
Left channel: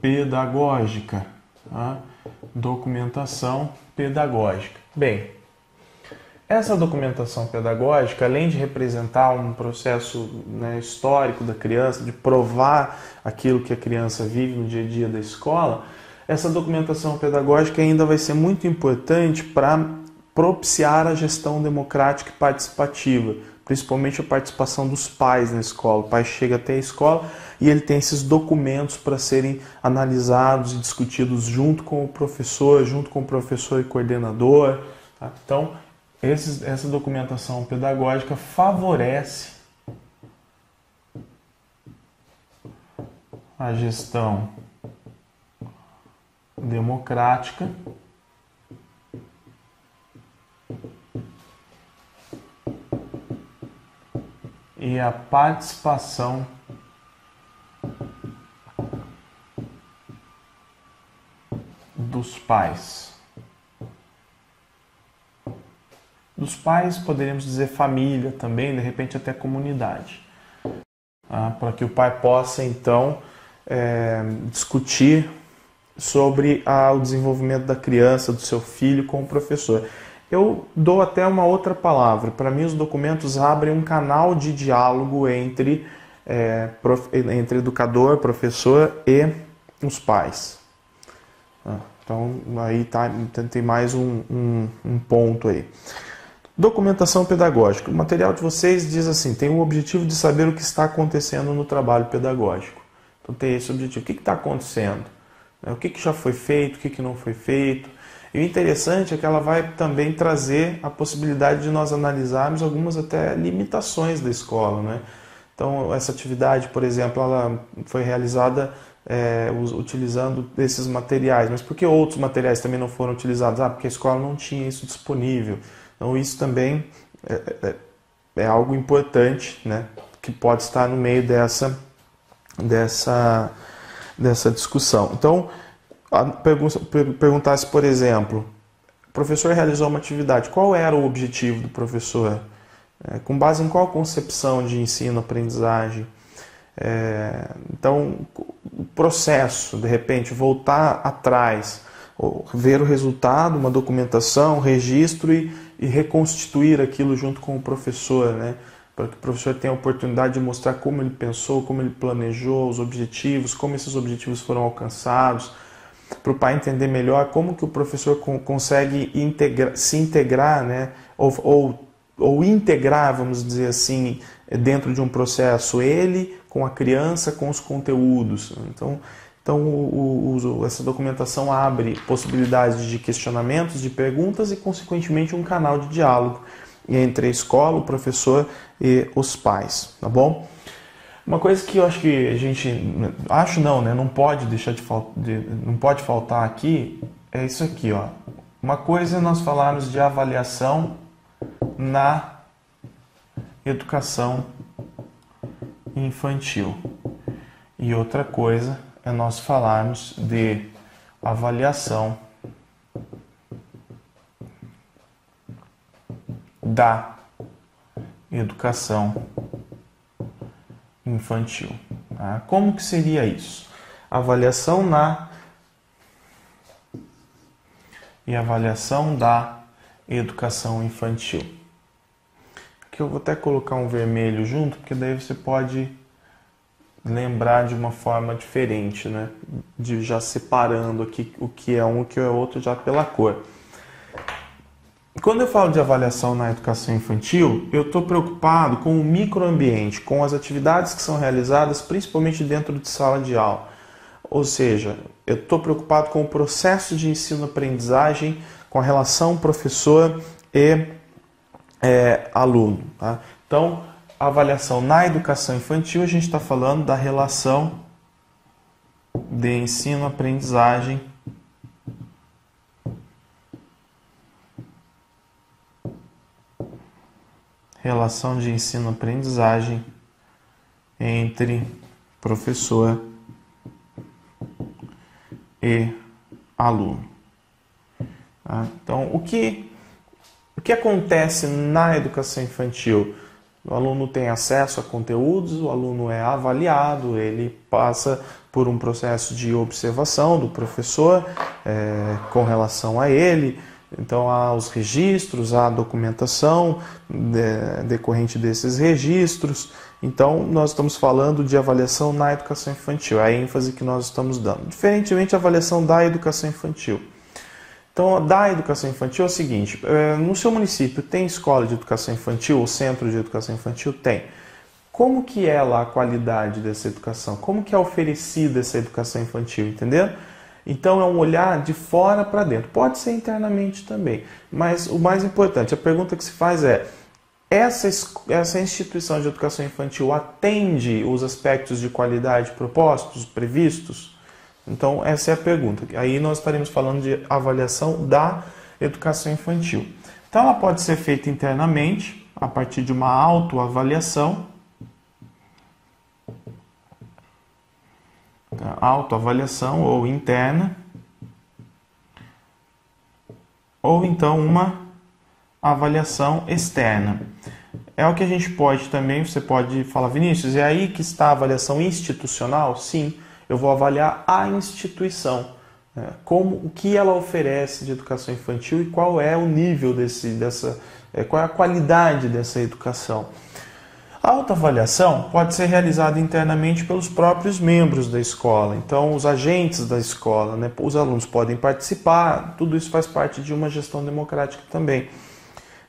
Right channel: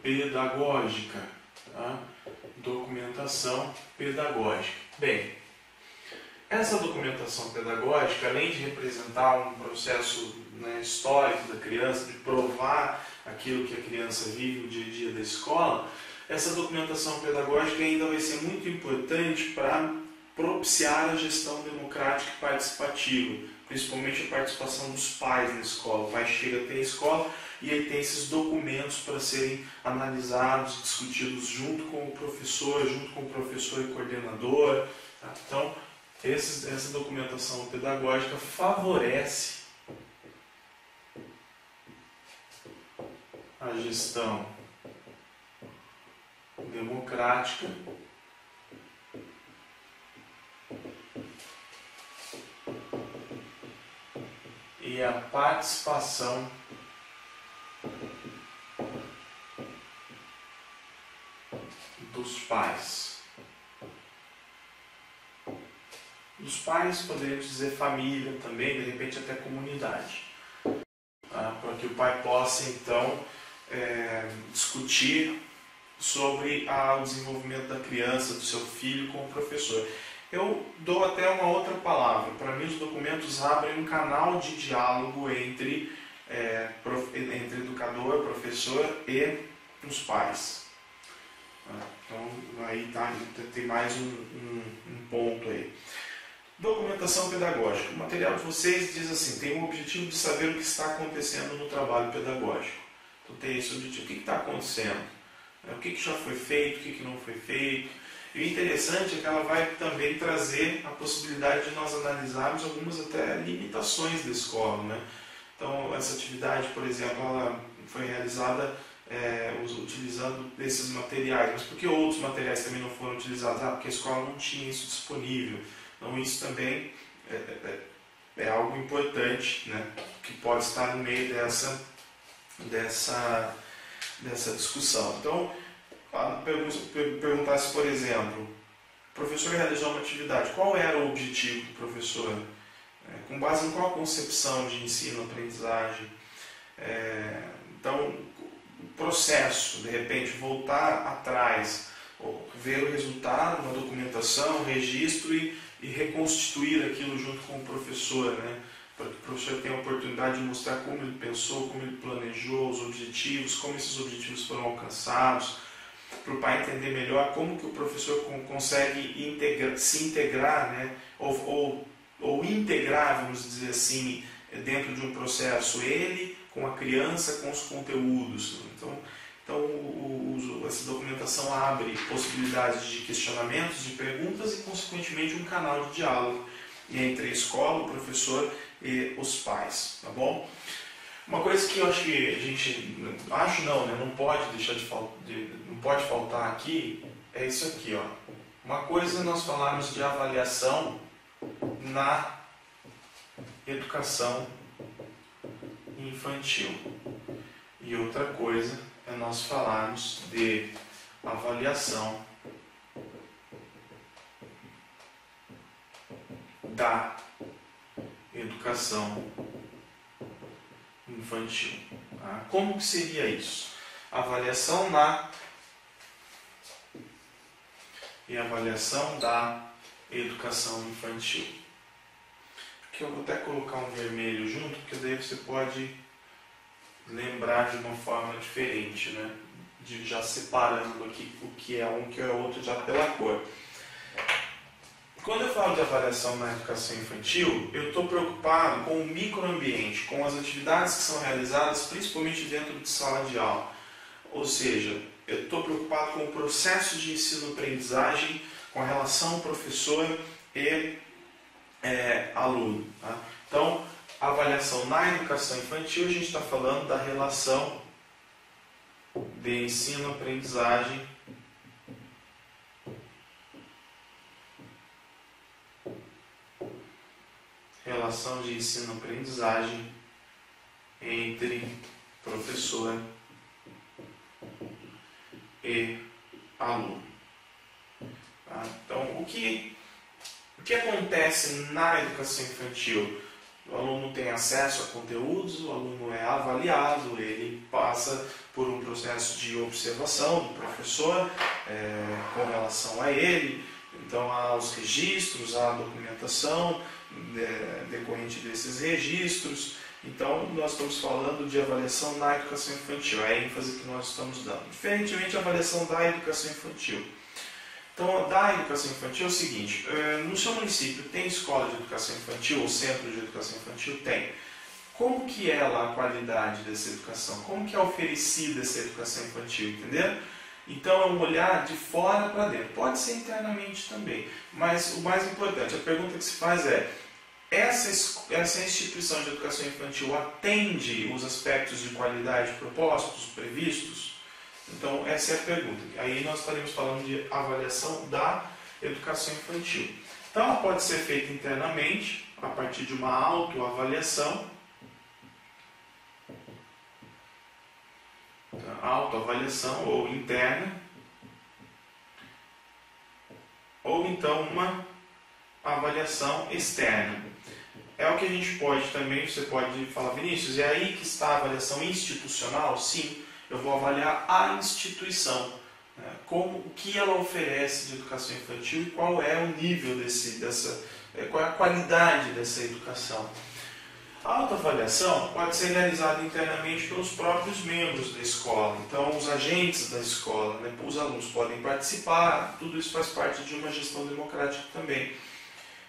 pedagógica. Tá? Documentação pedagógica. Bem, essa documentação pedagógica, além de representar um processo, né, histórico da criança, de provar aquilo que a criança vive no dia a dia da escola, essa documentação pedagógica ainda vai ser muito importante para propiciar a gestão democrática e participativa, principalmente a participação dos pais na escola. O pai chega até a escola e ele tem esses documentos para serem analisados e discutidos junto com o professor e coordenador. Tá? Então, essa documentação pedagógica favorece a gestão democrática e a participação dos pais. Dos pais, poderíamos dizer família também, de repente até comunidade. Tá? Para que o pai possa, então, discutir sobre o desenvolvimento da criança, do seu filho com o professor. Eu dou até uma outra palavra. Para mim, os documentos abrem um canal de diálogo entre educador, professor e os pais. Então, aí tem mais um ponto aí. Documentação pedagógica. O material de vocês diz assim, tem o objetivo de saber o que está acontecendo no trabalho pedagógico. Então tem esse objetivo. O que está acontecendo? O que já foi feito, o que não foi feito. E o interessante é que ela vai também trazer a possibilidade de nós analisarmos algumas até limitações da escola. Né? Então essa atividade, por exemplo, ela foi realizada utilizando esses materiais. Mas por que outros materiais também não foram utilizados? Porque a escola não tinha isso disponível. Então isso também é algo importante, né, que pode estar no meio dessa discussão. Então, perguntasse, por exemplo, o professor realizou uma atividade, qual era o objetivo do professor? Com base em qual concepção de ensino-aprendizagem? Então, o processo, de repente, voltar atrás, ver o resultado, uma documentação, um registro e reconstituir aquilo junto com o professor, né? Para que o professor tenha a oportunidade de mostrar como ele pensou, como ele planejou, os objetivos, como esses objetivos foram alcançados, para o pai entender melhor como que o professor consegue se integrar, né? ou integrar, vamos dizer assim, dentro de um processo, ele com a criança, com os conteúdos. Então essa documentação abre possibilidades de questionamentos, de perguntas e, consequentemente, um canal de diálogo entre a escola, o professor e os pais, tá bom? Uma coisa que eu acho que a gente... Acho não, né? Não pode deixar não pode faltar aqui é isso aqui, ó. Uma coisa é nós falarmos de avaliação na educação infantil. E outra coisa é nós falarmos de avaliação da educação infantil. Tá? Como que seria isso? Avaliação na e avaliação da educação infantil. Aqui eu vou até colocar um vermelho junto, porque daí você pode lembrar de uma forma diferente, né? De já separando aqui o que é um e o que é outro já pela cor. Quando eu falo de avaliação na educação infantil, eu estou preocupado com o microambiente, com as atividades que são realizadas principalmente dentro de sala de aula. Ou seja, eu estou preocupado com o processo de ensino-aprendizagem, com a relação professor e aluno. Tá? Então, a avaliação na educação infantil, a gente está falando da relação de ensino-aprendizagem entre professor e aluno. Tá? Então, o que acontece na educação infantil? O aluno tem acesso a conteúdos, o aluno é avaliado, ele passa por um processo de observação do professor com relação a ele. Então, há os registros, há a documentação decorrente desses registros. Então, nós estamos falando de avaliação na educação infantil, é a ênfase que nós estamos dando. Diferentemente, a avaliação da educação infantil. Então, da educação infantil é o seguinte, no seu município tem escola de educação infantil ou centro de educação infantil? Tem. Como que é lá a qualidade dessa educação? Como que é oferecida essa educação infantil, entendeu? Então, é um olhar de fora para dentro. Pode ser internamente também, mas o mais importante, a pergunta que se faz é: essa instituição de educação infantil atende os aspectos de qualidade propostos, previstos? Então, essa é a pergunta. Aí nós estaremos falando de avaliação da educação infantil. Então, ela pode ser feita internamente, a partir de uma autoavaliação. Autoavaliação ou interna. Ou então uma avaliação externa. É o que a gente pode também, você pode falar, Vinícius, é aí que está a avaliação institucional? Sim. Eu vou avaliar a instituição, né? O que ela oferece de educação infantil e qual é o nível qual é a qualidade dessa educação. A autoavaliação pode ser realizada internamente pelos próprios membros da escola, então os agentes da escola, né? Os alunos podem participar, tudo isso faz parte de uma gestão democrática também.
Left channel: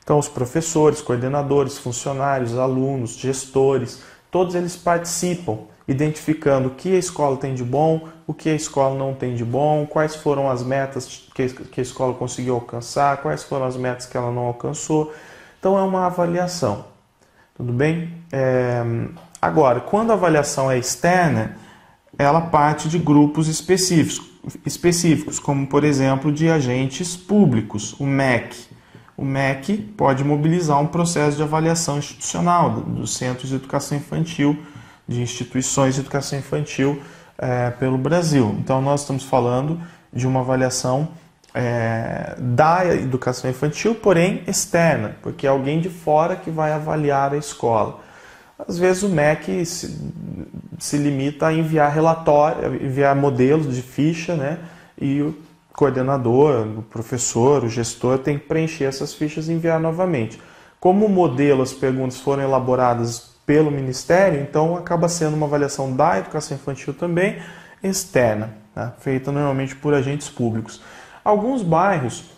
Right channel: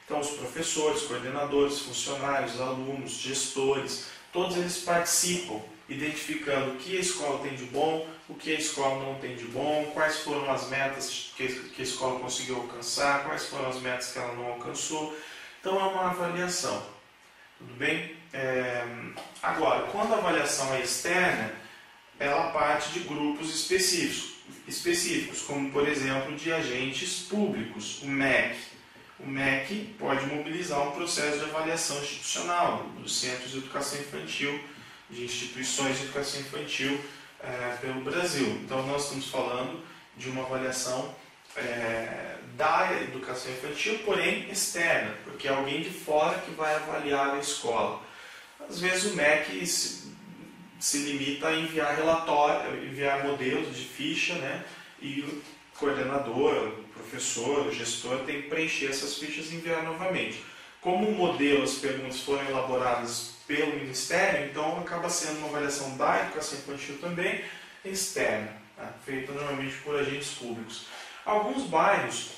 Então os professores, coordenadores, funcionários, alunos, gestores, todos eles participam, identificando o que a escola tem de bom, o que a escola não tem de bom, quais foram as metas que a escola conseguiu alcançar, quais foram as metas que ela não alcançou. Então é uma avaliação, tudo bem? Agora, quando a avaliação é externa, ela parte de grupos específicos, como por exemplo de agentes públicos, o MEC. O MEC pode mobilizar um processo de avaliação institucional dos centros de educação infantil, de instituições de educação infantil pelo Brasil. Então, nós estamos falando de uma avaliação da educação infantil, porém externa, porque é alguém de fora que vai avaliar a escola. Às vezes o MEC se limita a enviar relatório, enviar modelos de ficha, né? E o coordenador, o professor, o gestor tem que preencher essas fichas e enviar novamente. Como o modelo, as perguntas foram elaboradas pelo Ministério, então acaba sendo uma avaliação da educação infantil também externa, tá? Feita normalmente por agentes públicos. Alguns bairros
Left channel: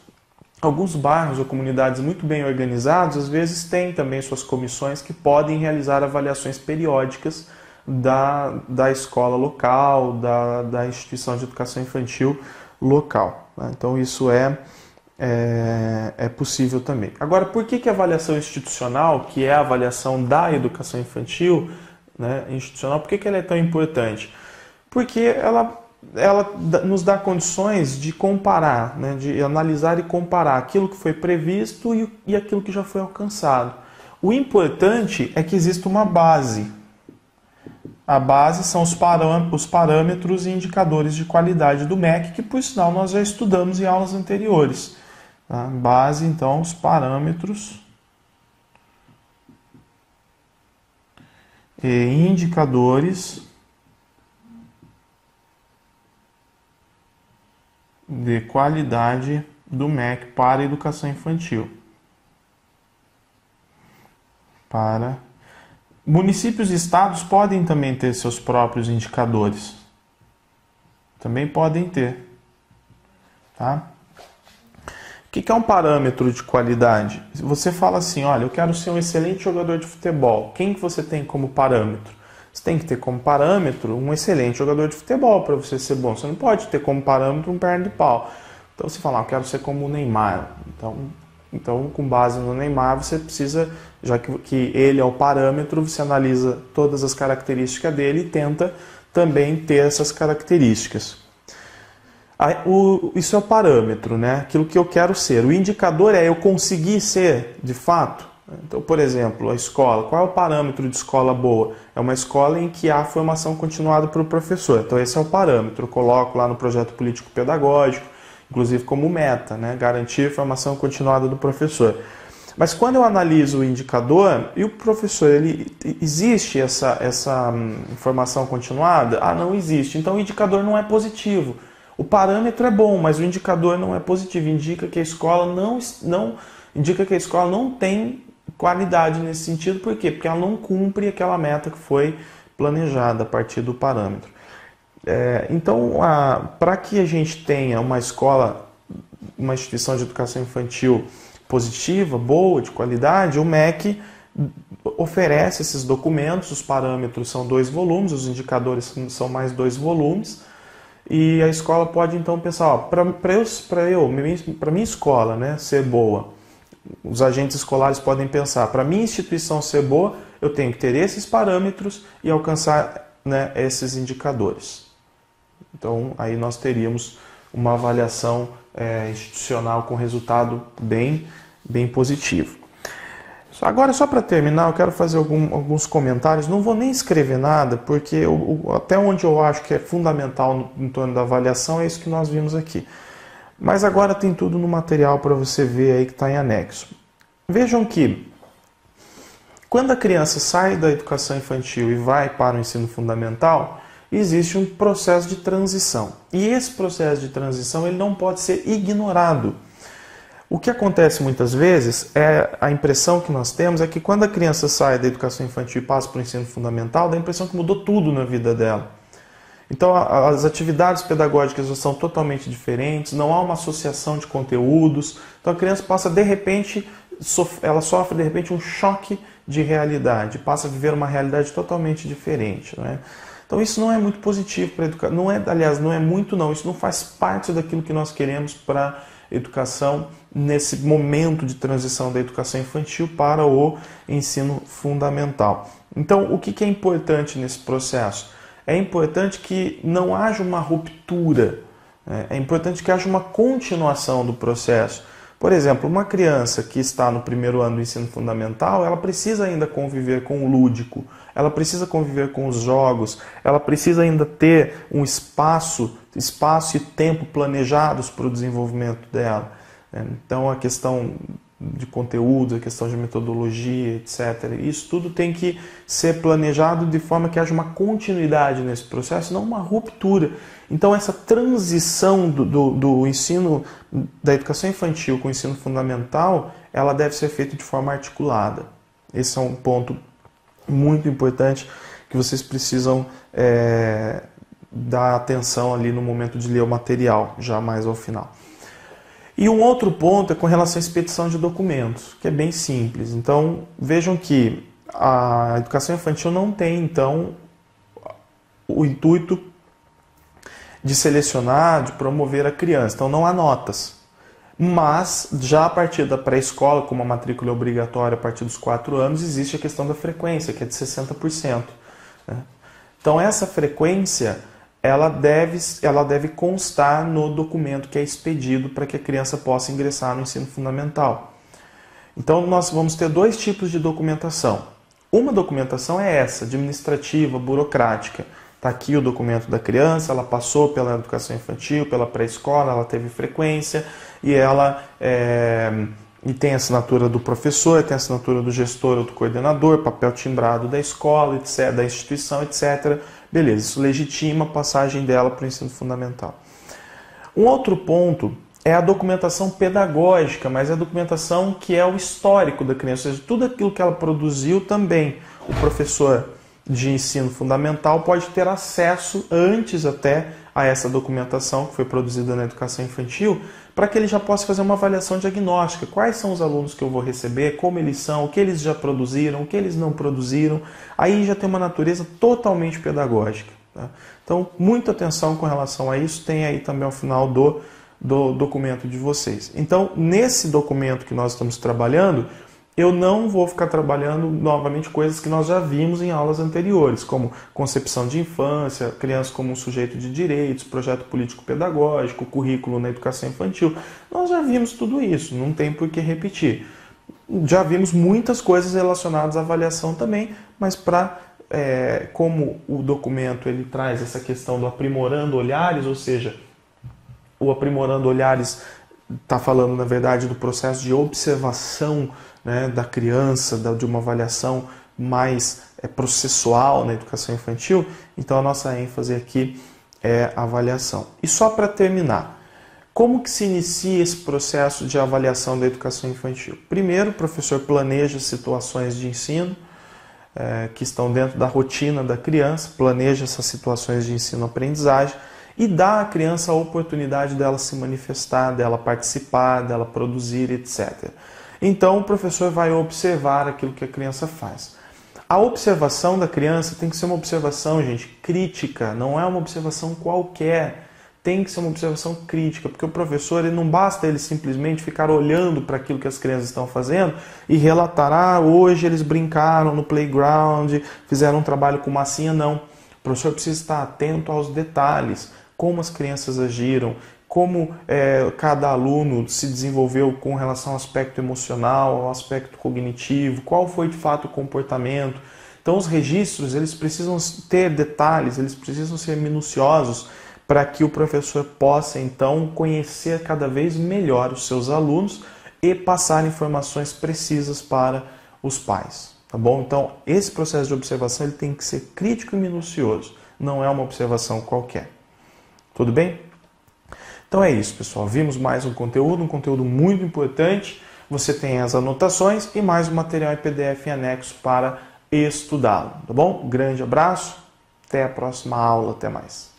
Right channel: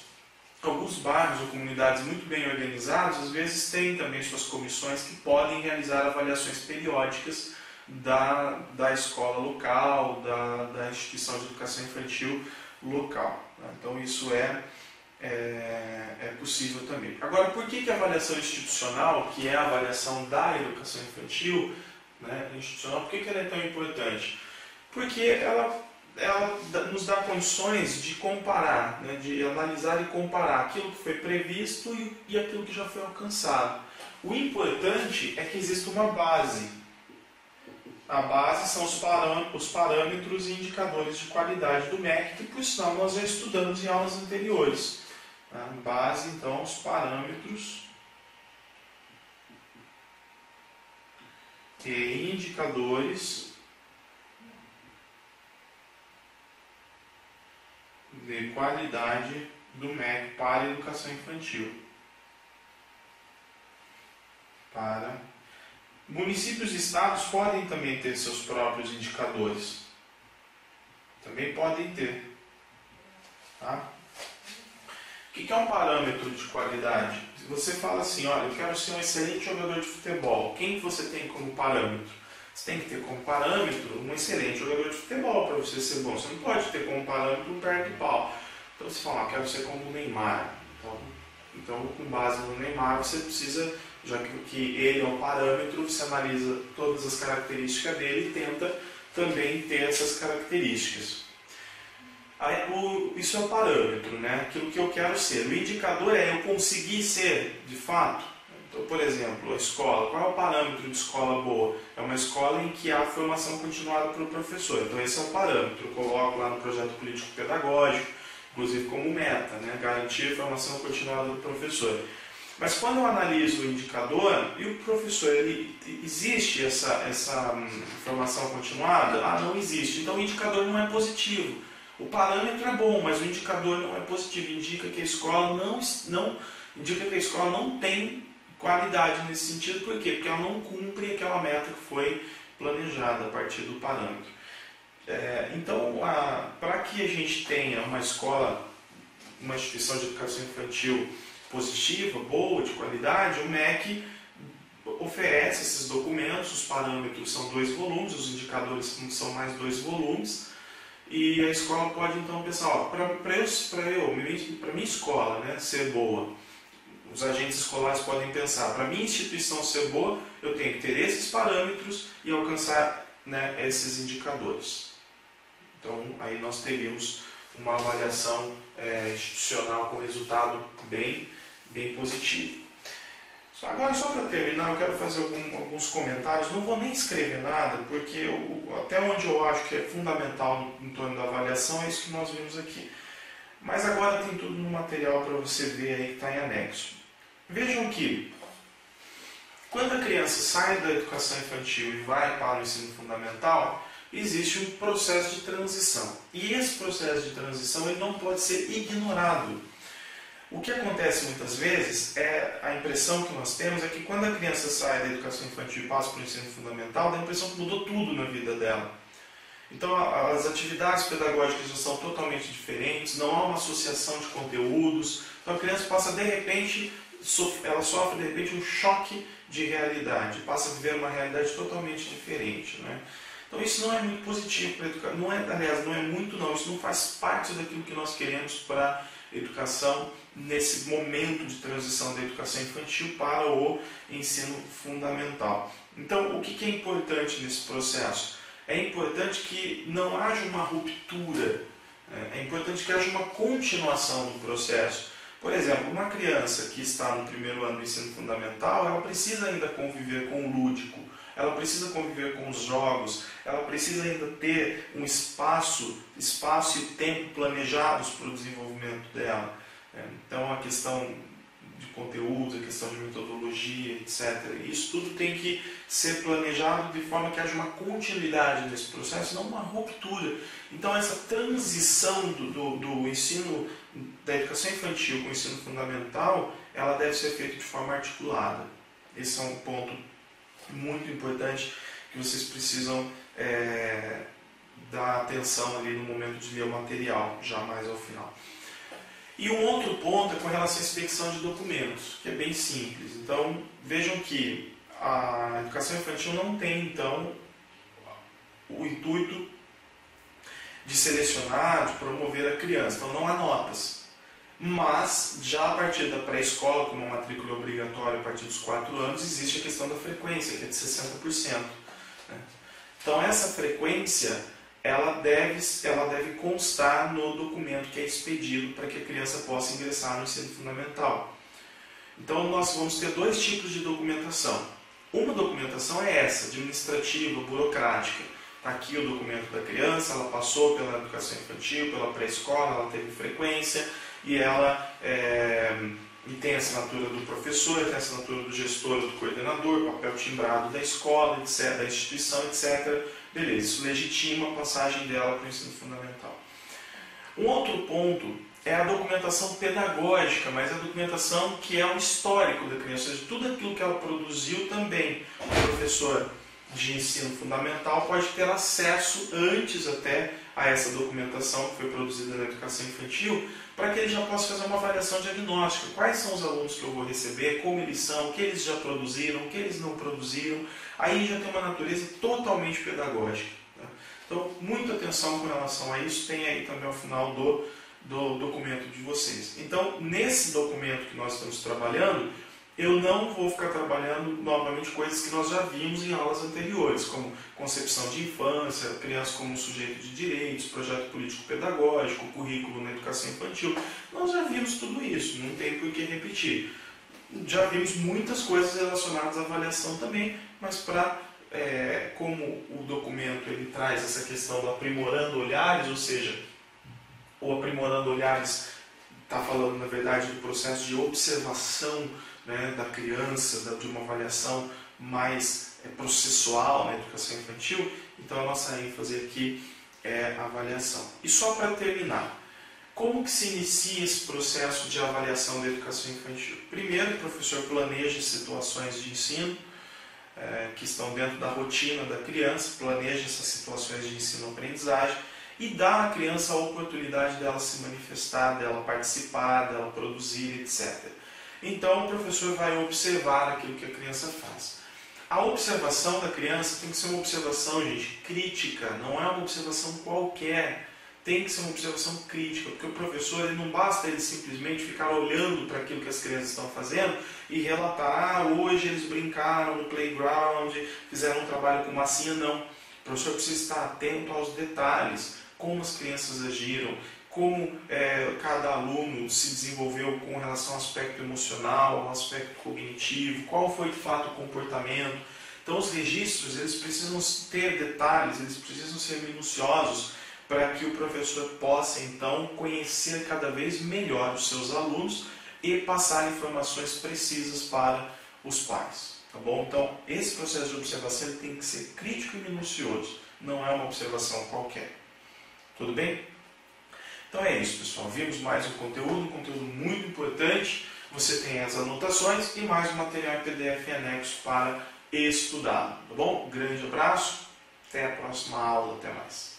ou comunidades muito bem organizados, às vezes têm também suas comissões que podem realizar avaliações periódicas da escola local, da instituição de educação infantil local, tá? Então isso é possível também. Agora, por que a avaliação institucional, que é a avaliação da educação infantil, né, institucional, por que ela é tão importante? Porque ela nos dá condições de comparar, né, de analisar e comparar aquilo que foi previsto e aquilo que já foi alcançado. O importante é que exista uma base. A base são os parâmetros e indicadores de qualidade do MEC, que por sinal nós já estudamos em aulas anteriores. A base, então, os parâmetros e indicadores de qualidade do MEC para a educação infantil. Municípios e estados podem também ter seus próprios indicadores. Também podem ter. Tá? O que é um parâmetro de qualidade? Você fala assim, olha, eu quero ser um excelente jogador de futebol. Quem que você tem como parâmetro? Você tem que ter como parâmetro um excelente jogador de futebol para você ser bom. Você não pode ter como parâmetro um perna de pau. Então você fala, eu quero ser como o Neymar. Então, com base no Neymar, você precisa, já que ele é o parâmetro, você analisa todas as características dele e tenta também ter essas características. Isso é o parâmetro, né? Aquilo que eu quero ser. O indicador é eu conseguir ser, de fato. Então, por exemplo, a escola. Qual é o parâmetro de escola boa? É uma escola em que há formação continuada para o professor. Então, esse é o parâmetro. Eu coloco lá no projeto político-pedagógico, inclusive como meta, né? Garantir formação continuada do professor. Mas quando eu analiso o indicador, e o professor, existe essa formação continuada? Ah, não existe. Então, o indicador não é positivo. O parâmetro é bom, mas o indicador não é positivo. Indica que a escola não tem qualidade nesse sentido. Por quê? Porque ela não cumpre aquela meta que foi planejada a partir do parâmetro. Então, para que a gente tenha uma escola, uma instituição de educação infantil positiva, boa, de qualidade, o MEC oferece esses documentos. Os parâmetros são 2 volumes, os indicadores são mais 2 volumes. E a escola pode então pensar, para minha escola, né, ser boa, os agentes escolares podem pensar, para minha instituição ser boa, eu tenho que ter esses parâmetros e alcançar, né, esses indicadores. Então aí nós teríamos uma avaliação institucional com resultado bem positivo. Agora, só para terminar, eu quero fazer alguns comentários. Não vou nem escrever nada, porque até onde eu acho que é fundamental em torno da avaliação é isso que nós vimos aqui. Mas agora tem tudo no material para você ver aí que está em anexo. Vejam que, quando a criança sai da educação infantil e vai para o ensino fundamental, existe um processo de transição. E esse processo de transição ele não pode ser ignorado. O que acontece muitas vezes, a impressão que nós temos é que quando a criança sai da educação infantil e passa para o ensino fundamental, dá a impressão que mudou tudo na vida dela. Então as atividades pedagógicas já são totalmente diferentes, não há uma associação de conteúdos, então a criança passa de repente, ela sofre de repente um choque de realidade, passa a viver uma realidade totalmente diferente, né? Então isso não é muito positivo para a educação, aliás, não é muito não, isso não faz parte daquilo que nós queremos para a educação nesse momento de transição da educação infantil para o ensino fundamental. Então, o que é importante nesse processo? É importante que não haja uma ruptura, é importante que haja uma continuação do processo. Por exemplo, uma criança que está no primeiro ano do ensino fundamental, ela precisa ainda conviver com o lúdico, ela precisa conviver com os jogos, ela precisa ainda ter um espaço e tempo planejados para o desenvolvimento dela. Então, a questão de conteúdo, a questão de metodologia, etc. Isso tudo tem que ser planejado de forma que haja uma continuidade nesse processo, não uma ruptura. Então, essa transição do ensino, da educação infantil com o ensino fundamental, ela deve ser feita de forma articulada. Esse é um ponto muito importante que vocês precisam dar atenção ali no momento de ler o material, já mais ao final. E um outro ponto é com relação à expedição de documentos, que é bem simples. Então, vejam que a educação infantil não tem, então, o intuito de selecionar, de promover a criança. Então, não há notas. Mas, já a partir da pré-escola, como a matrícula é obrigatória a partir dos 4 anos, existe a questão da frequência, que é de 60%. Né? Então, essa frequência ela deve constar no documento que é expedido para que a criança possa ingressar no ensino fundamental. Então, nós vamos ter 2 tipos de documentação. Uma documentação é essa, administrativa, burocrática. Está aqui o documento da criança, ela passou pela educação infantil, pela pré-escola, ela teve frequência e ela e tem a assinatura do professor, tem a assinatura do gestor ou do coordenador, papel timbrado da escola, etc., da instituição, etc., beleza, isso legitima a passagem dela para o ensino fundamental. Um outro ponto é a documentação pedagógica, mas é a documentação que é o histórico da criança, ou seja, tudo aquilo que ela produziu também. O professor de ensino fundamental pode ter acesso antes até a essa documentação que foi produzida na educação infantil, para que ele já possa fazer uma avaliação diagnóstica. Quais são os alunos que eu vou receber, como eles são, o que eles já produziram, o que eles não produziram. Aí já tem uma natureza totalmente pedagógica. Tá? Então, muita atenção com relação a isso, tem aí também ao final do documento de vocês. Então, nesse documento que nós estamos trabalhando, eu não vou ficar trabalhando novamente coisas que nós já vimos em aulas anteriores, como concepção de infância, criança como um sujeito de direitos, projeto político-pedagógico, currículo na educação infantil. Nós já vimos tudo isso, não tem por que repetir. Já vimos muitas coisas relacionadas à avaliação também, mas como o documento ele traz essa questão do aprimorando olhares, ou seja, o aprimorando olhares está falando, na verdade, do processo de observação, né, da criança, de uma avaliação mais processual na educação infantil. Então a nossa ênfase aqui é a avaliação. E só para terminar, como que se inicia esse processo de avaliação da educação infantil? Primeiro, o professor planeja situações de ensino que estão dentro da rotina da criança, planeja essas situações de ensino-aprendizagem e dá à criança a oportunidade dela se manifestar, dela participar, dela produzir, etc. Então, o professor vai observar aquilo que a criança faz. A observação da criança tem que ser uma observação, gente, crítica, não é uma observação qualquer. Tem que ser uma observação crítica, porque o professor não basta ele simplesmente ficar olhando para aquilo que as crianças estão fazendo e relatar, hoje eles brincaram no playground, fizeram um trabalho com massinha, não. O professor precisa estar atento aos detalhes, como as crianças agiram, como cada aluno se desenvolveu com relação ao aspecto emocional, ao aspecto cognitivo, qual foi de fato o comportamento. Então os registros eles precisam ter detalhes, eles precisam ser minuciosos para que o professor possa então conhecer cada vez melhor os seus alunos e passar informações precisas para os pais. Tá bom? Então esse processo de observação ele tem que ser crítico e minucioso, não é uma observação qualquer. Tudo bem? Então é isso, pessoal. Vimos mais um conteúdo muito importante. Você tem as anotações e mais um material em PDF em anexo para estudá-lo. Tá bom? Grande abraço. Até a próxima aula. Até mais.